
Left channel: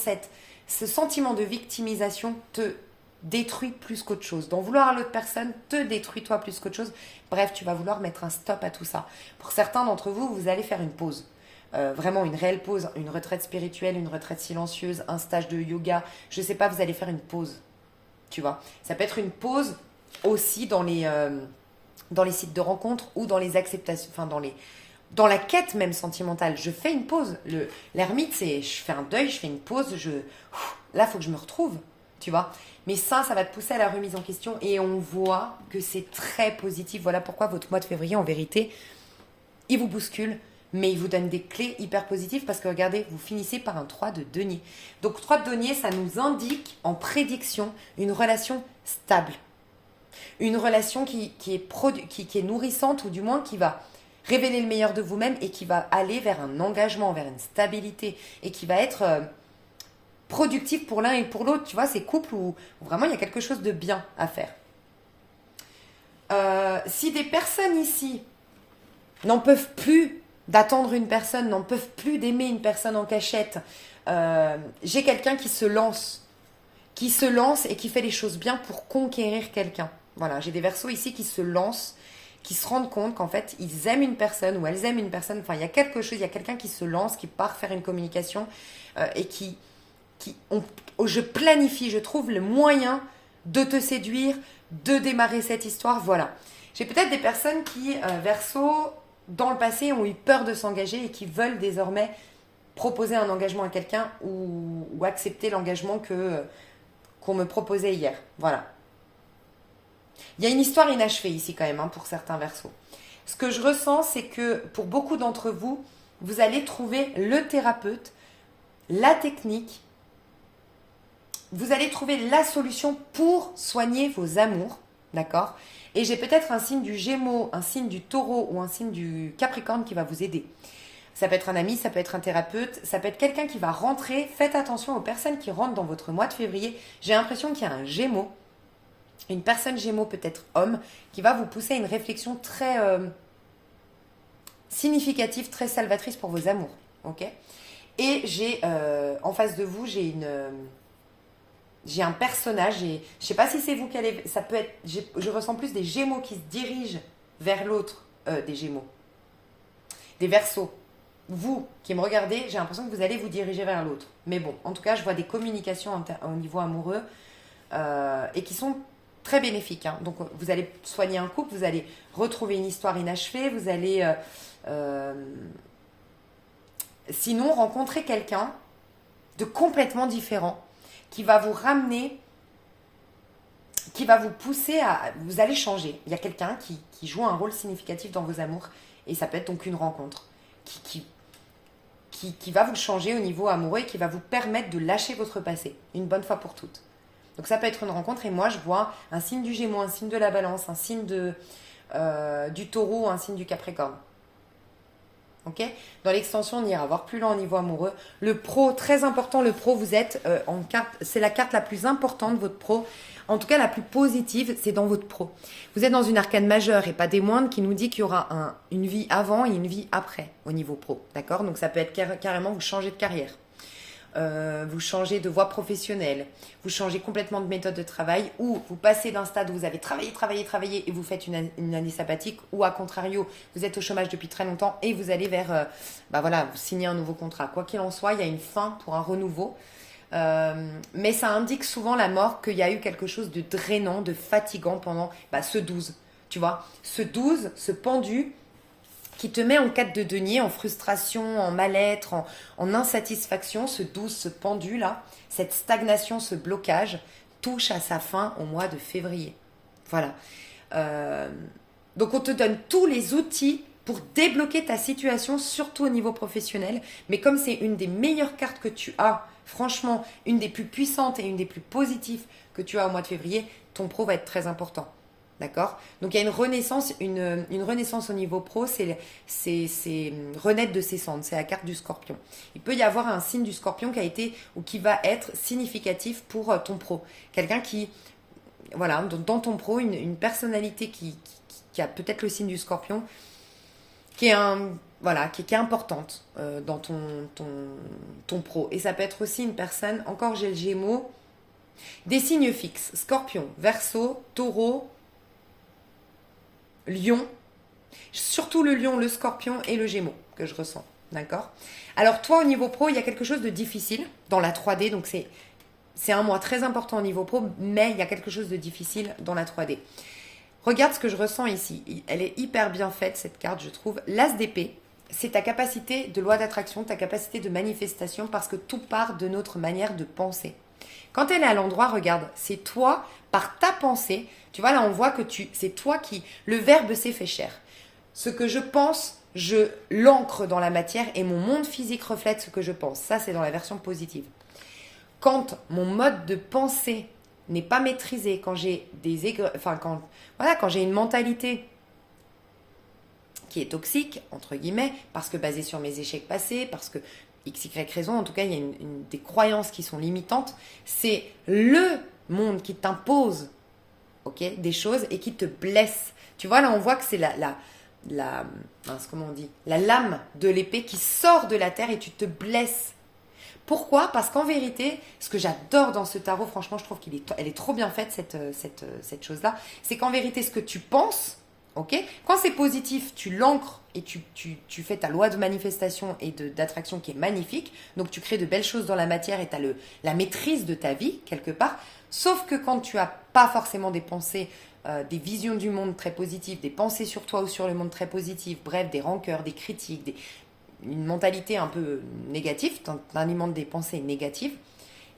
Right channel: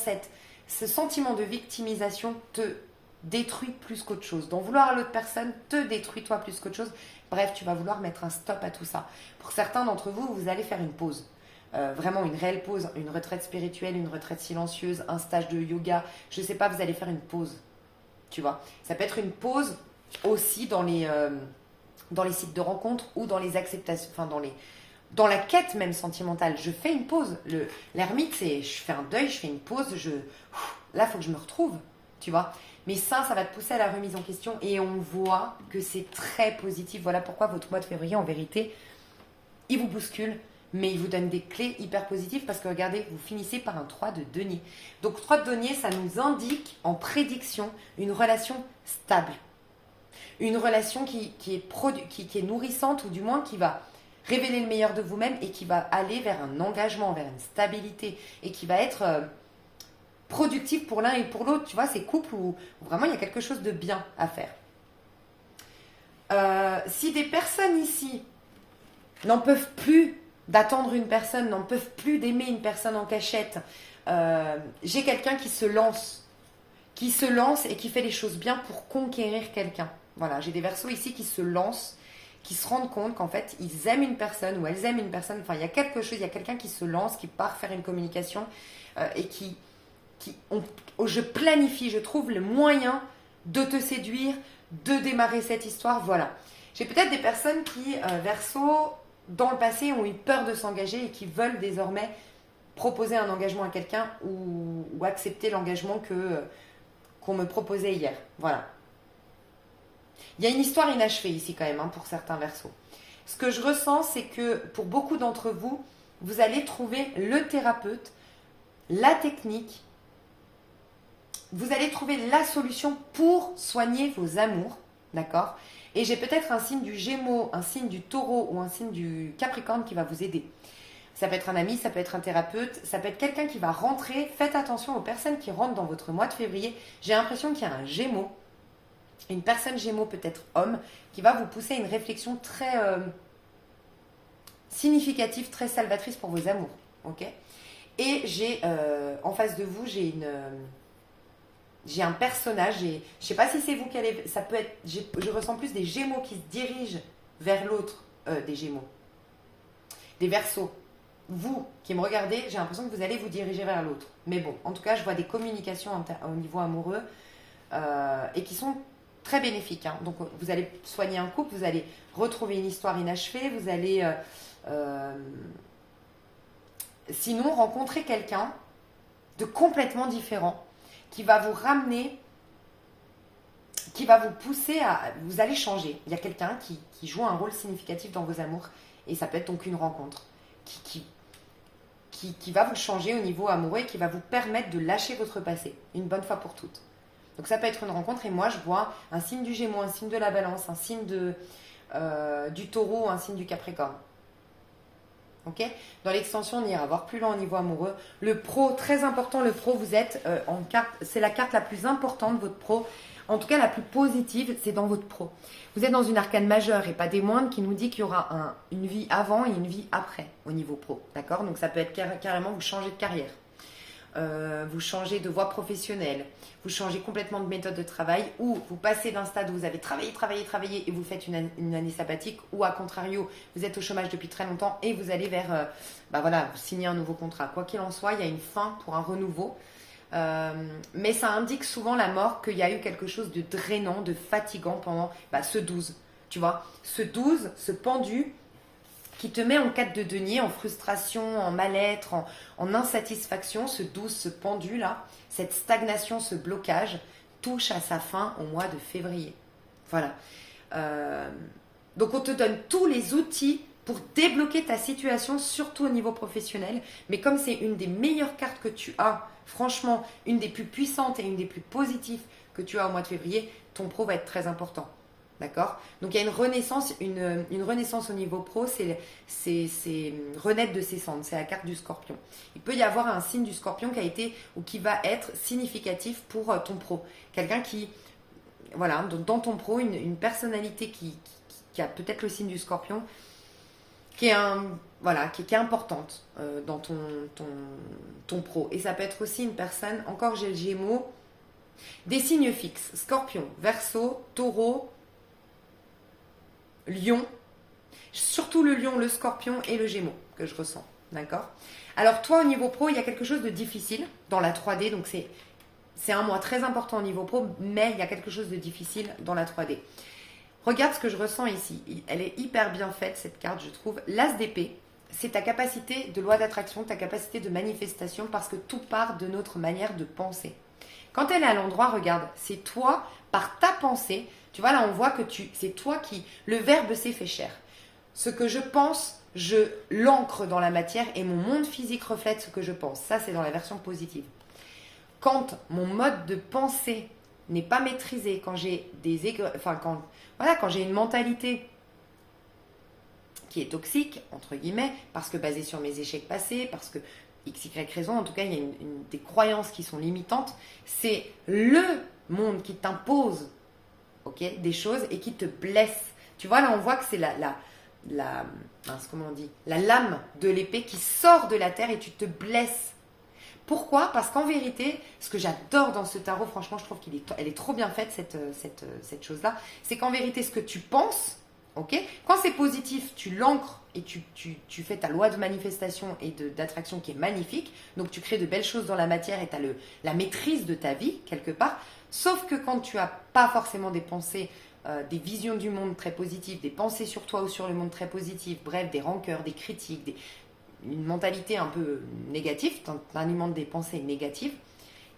ce sentiment de victimisation te détruit plus qu'autre chose. D'en vouloir à l'autre personne te détruit toi plus qu'autre chose. Bref, tu vas vouloir mettre un stop à tout ça. Pour certains d'entre vous, vous allez faire une pause. Vraiment une réelle pause, une retraite spirituelle, une retraite silencieuse, un stage de yoga, je sais pas, vous allez faire une pause, tu vois. Ça peut être une pause aussi dans les sites de rencontres ou dans les acceptations, enfin dans la quête même sentimentale. Je fais une pause. L'ermite, c'est je fais un deuil, je fais une pause, là, il faut que je me retrouve, tu vois. Mais ça va te pousser à la remise en question et on voit que c'est très positif. Voilà pourquoi votre mois de février, en vérité, il vous bouscule. Mais il vous donne des clés hyper positives parce que regardez, vous finissez par un 3 de denier. Donc 3 de denier, ça nous indique en prédiction une relation stable. Une relation qui est nourrissante ou du moins qui va révéler le meilleur de vous-même et qui va aller vers un engagement, vers une stabilité et qui va être productif pour l'un et pour l'autre. Tu vois, ces couples où vraiment il y a quelque chose de bien à faire. Si des personnes ici n'en peuvent plus d'attendre une personne, n'en peuvent plus d'aimer une personne en cachette. J'ai quelqu'un qui se lance et qui fait les choses bien pour conquérir quelqu'un. Voilà, j'ai des Verseaux ici qui se lancent, qui se rendent compte qu'en fait, ils aiment une personne ou elles aiment une personne. Enfin, il y a quelque chose, il y a quelqu'un qui se lance, qui part faire une communication et je planifie, je trouve le moyen de te séduire, de démarrer cette histoire. Voilà. J'ai peut-être des personnes qui, Verseau, dans le passé, ont eu peur de s'engager et qui veulent désormais proposer un engagement à quelqu'un ou accepter l'engagement qu'on me proposait hier. Voilà. Il y a une histoire inachevée ici quand même pour certains Verseaux. Ce que je ressens, c'est que pour beaucoup d'entre vous, vous allez trouver le thérapeute, la technique, vous allez trouver la solution pour soigner vos amours, d'accord ? Et j'ai peut-être un signe du Gémeaux, un signe du Taureau ou un signe du Capricorne qui va vous aider. Ça peut être un ami, ça peut être un thérapeute, ça peut être quelqu'un qui va rentrer. Faites attention aux personnes qui rentrent dans votre mois de février. J'ai l'impression qu'il y a un Gémeaux, une personne Gémeaux, peut-être homme, qui va vous pousser à une réflexion très significative, très salvatrice pour vos amours. Ok ? Et j'ai en face de vous, j'ai un personnage, et je ne sais pas si c'est vous qui allez... Ça peut être... Je ressens plus des Gémeaux qui se dirigent vers l'autre des Gémeaux. Des Verseaux. Vous qui me regardez, j'ai l'impression que vous allez vous diriger vers l'autre. Mais bon, en tout cas, je vois des communications au niveau amoureux et qui sont très bénéfiques. Hein. Donc, vous allez soigner un couple, vous allez retrouver une histoire inachevée, vous allez... sinon, rencontrer quelqu'un de complètement différent qui va vous ramener, qui va vous pousser à... Vous allez changer. Il y a quelqu'un qui joue un rôle significatif dans vos amours. Et ça peut être donc une rencontre qui va vous changer au niveau amoureux et qui va vous permettre de lâcher votre passé, une bonne fois pour toutes. Donc ça peut être une rencontre. Et moi, je vois un signe du Gémeaux, un signe de la Balance, un signe du Taureau, un signe du Capricorne. Ok ? Dans l'extension, on ira voir plus loin au niveau amoureux. Le pro, très important, le pro, vous êtes en carte, c'est la carte la plus importante, votre pro. En tout cas, la plus positive, c'est dans votre pro. Vous êtes dans une arcane majeure et pas des moindres qui nous dit qu'il y aura une vie avant et une vie après au niveau pro. D'accord ? Donc ça peut être carrément vous changer de carrière. vous changez de voie professionnelle, vous changez complètement de méthode de travail, ou vous passez d'un stade où vous avez travaillé et vous faites une année sabbatique, ou à contrario, vous êtes au chômage depuis très longtemps et vous allez vers, vous signez un nouveau contrat. Quoi qu'il en soit, il y a une fin pour un renouveau. Mais ça indique souvent la mort, qu'il y a eu quelque chose de drainant, de fatigant pendant ce 12. Tu vois, ce 12, ce pendu qui te met en quête de denier, en frustration, en mal-être, en insatisfaction, ce 12, ce pendu là, cette stagnation, ce blocage, touche à sa fin au mois de février. Voilà. Donc on te donne tous les outils pour débloquer ta situation, surtout au niveau professionnel. Mais comme c'est une des meilleures cartes que tu as, franchement, une des plus puissantes et une des plus positives que tu as au mois de février, ton pro va être très important. D'accord? Donc il y a une renaissance au niveau pro, c'est renaître de ses cendres, c'est la carte du scorpion. Il peut y avoir un signe du scorpion qui a été ou qui va être significatif pour ton pro. Quelqu'un qui, voilà, dans ton pro, une personnalité qui a peut-être le signe du scorpion, qui est qui est importante dans ton pro. Et ça peut être aussi une personne, encore j'ai le Gémeaux, des signes fixes, Scorpion, Verseau, Taureau, Lion, surtout le Lion, le Scorpion et le Gémeaux que je ressens, d'accord? Alors toi au niveau pro, il y a quelque chose de difficile dans la 3D, donc c'est un mois très important au niveau pro, mais il y a quelque chose de difficile dans la 3D. Regarde ce que je ressens ici, elle est hyper bien faite cette carte je trouve. L'As d'épée, c'est ta capacité de loi d'attraction, ta capacité de manifestation, parce que tout part de notre manière de penser. Quand elle est à l'endroit, regarde, c'est toi, par ta pensée, tu vois là on voit que c'est toi qui, le verbe s'est fait chair. Ce que je pense, je l'ancre dans la matière et mon monde physique reflète ce que je pense. Ça c'est dans la version positive. Quand mon mode de pensée n'est pas maîtrisé, quand j'ai quand j'ai une mentalité qui est toxique, entre guillemets, parce que basée sur mes échecs passés, parce que X, Y raison, en tout cas, il y a des croyances qui sont limitantes. C'est le monde qui t'impose des choses et qui te blesse. Tu vois, là, on voit que c'est la lame de l'épée qui sort de la terre et tu te blesses. Pourquoi? Parce qu'en vérité, ce que j'adore dans ce tarot, franchement, je trouve qu'elle est trop bien faite, cette chose-là, c'est qu'en vérité, ce que tu penses, quand c'est positif, tu l'ancres et tu fais ta loi de manifestation et d'attraction qui est magnifique. Donc, tu crées de belles choses dans la matière et tu as la maîtrise de ta vie, quelque part. Sauf que quand tu n'as pas forcément des pensées, des visions du monde très positives, des pensées sur toi ou sur le monde très positives, bref, des rancœurs, des critiques, une mentalité un peu négative, tu alimentes des pensées négatives,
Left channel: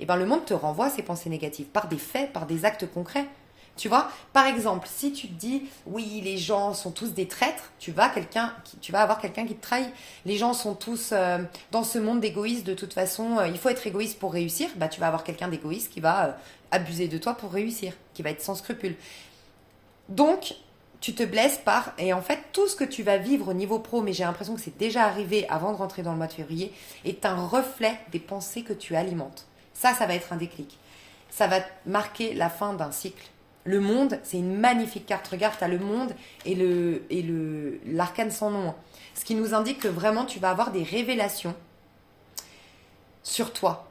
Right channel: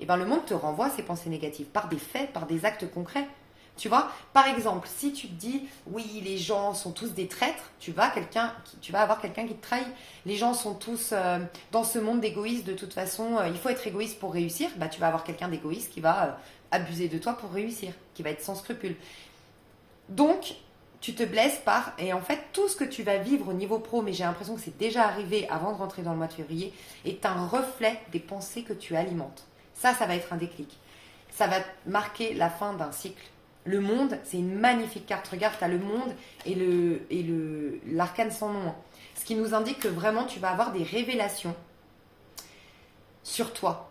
et le monde te renvoie ces pensées négatives par des faits, par des actes concrets. Tu vois, par exemple, si tu te dis oui, les gens sont tous des traîtres, tu vas avoir quelqu'un qui te trahit. Les gens sont tous dans ce monde d'égoïstes, de toute façon, il faut être égoïste pour réussir. Tu vas avoir quelqu'un d'égoïste qui va abuser de toi pour réussir, qui va être sans scrupules. Donc, tu te blesses et en fait, tout ce que tu vas vivre au niveau pro, mais j'ai l'impression que c'est déjà arrivé avant de rentrer dans le mois de février, est un reflet des pensées que tu alimentes. Ça va être un déclic. Ça va marquer la fin d'un cycle. Le monde, c'est une magnifique carte. Regarde, tu as le monde et l'arcane sans nom. Ce qui nous indique que vraiment, tu vas avoir des révélations sur toi.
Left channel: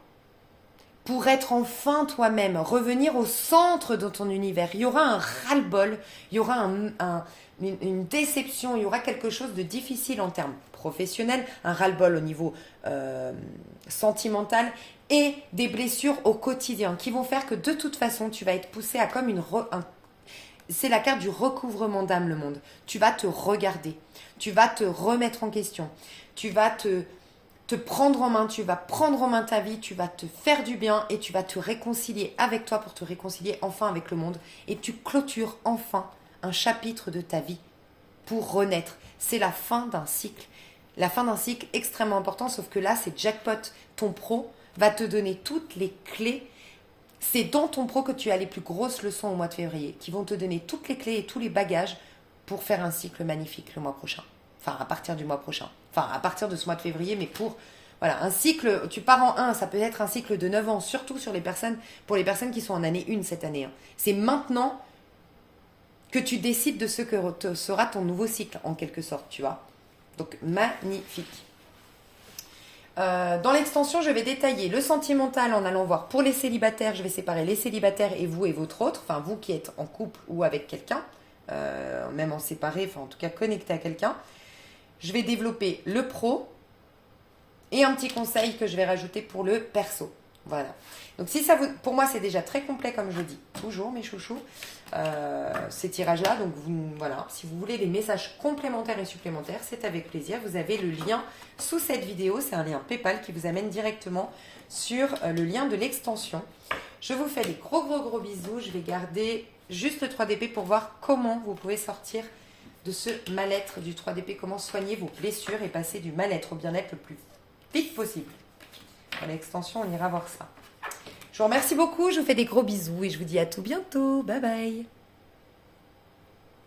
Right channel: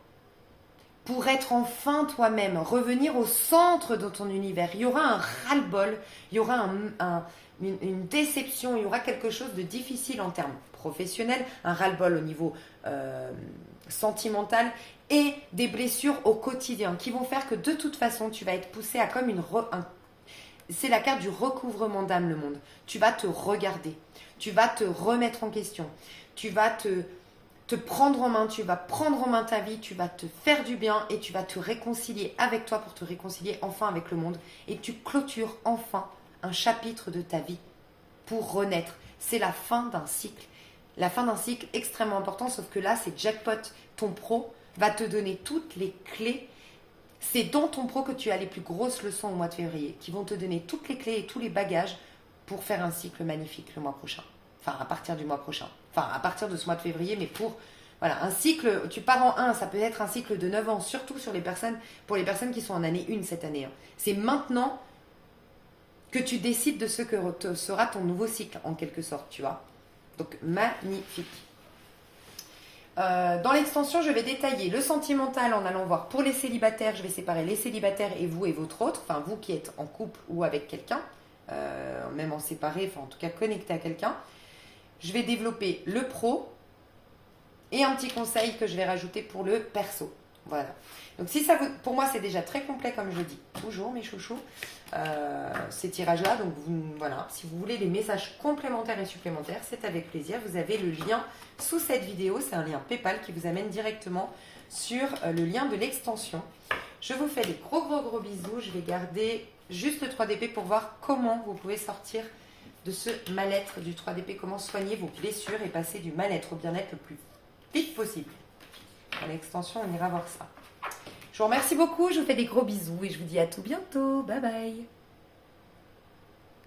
Pour être enfin toi-même, revenir au centre de ton univers. Il y aura un ras-le-bol, il y aura une déception, il y aura quelque chose de difficile en termes professionnels, un ras-le-bol au niveau sentimental et des blessures au quotidien qui vont faire que de toute façon, tu vas être poussé à comme c'est la carte du recouvrement d'âme, le monde. Tu vas te regarder, tu vas te remettre en question, tu vas te prendre en main, tu vas prendre en main ta vie, tu vas te faire du bien et tu vas te réconcilier avec toi pour te réconcilier enfin avec le monde. Et tu clôtures enfin un chapitre de ta vie pour renaître. C'est la fin d'un cycle. La fin d'un cycle extrêmement important, sauf que là, c'est jackpot. Ton pro va te donner toutes les clés. C'est dans ton pro que tu as les plus grosses leçons au mois de février, qui vont te donner toutes les clés et tous les bagages pour faire un cycle magnifique le mois prochain. Enfin, à partir du mois prochain. Enfin, à partir de ce mois de février, mais un cycle, tu pars en 1, ça peut être un cycle de 9 ans, surtout pour les personnes qui sont en année 1 cette année. C'est maintenant que tu décides de ce que sera ton nouveau cycle, en quelque sorte, tu vois. Donc, magnifique. Dans l'extension, je vais détailler le sentimental en allant voir pour les célibataires. Je vais séparer les célibataires et vous et votre autre. Enfin, vous qui êtes en couple ou avec quelqu'un, même en séparé, enfin en tout cas connecté à quelqu'un. Je vais développer le pro et un petit conseil que je vais rajouter pour le perso. Voilà. Donc si ça vous, pour moi c'est déjà très complet comme je dis toujours mes chouchous, ces tirages-là. Donc voilà, si vous voulez des messages complémentaires et supplémentaires, c'est avec plaisir. Vous avez le lien sous cette vidéo, c'est un lien PayPal qui vous amène directement sur le lien de l'extension. Je vous fais des gros bisous. Je vais garder juste le 3DP pour voir comment vous pouvez sortir de ce mal-être du 3DP, comment soigner vos blessures et passer du mal-être au bien-être le plus vite possible. À l'extension, on ira voir ça. Je vous remercie beaucoup, je vous fais des gros bisous et je vous dis à tout bientôt. Bye bye.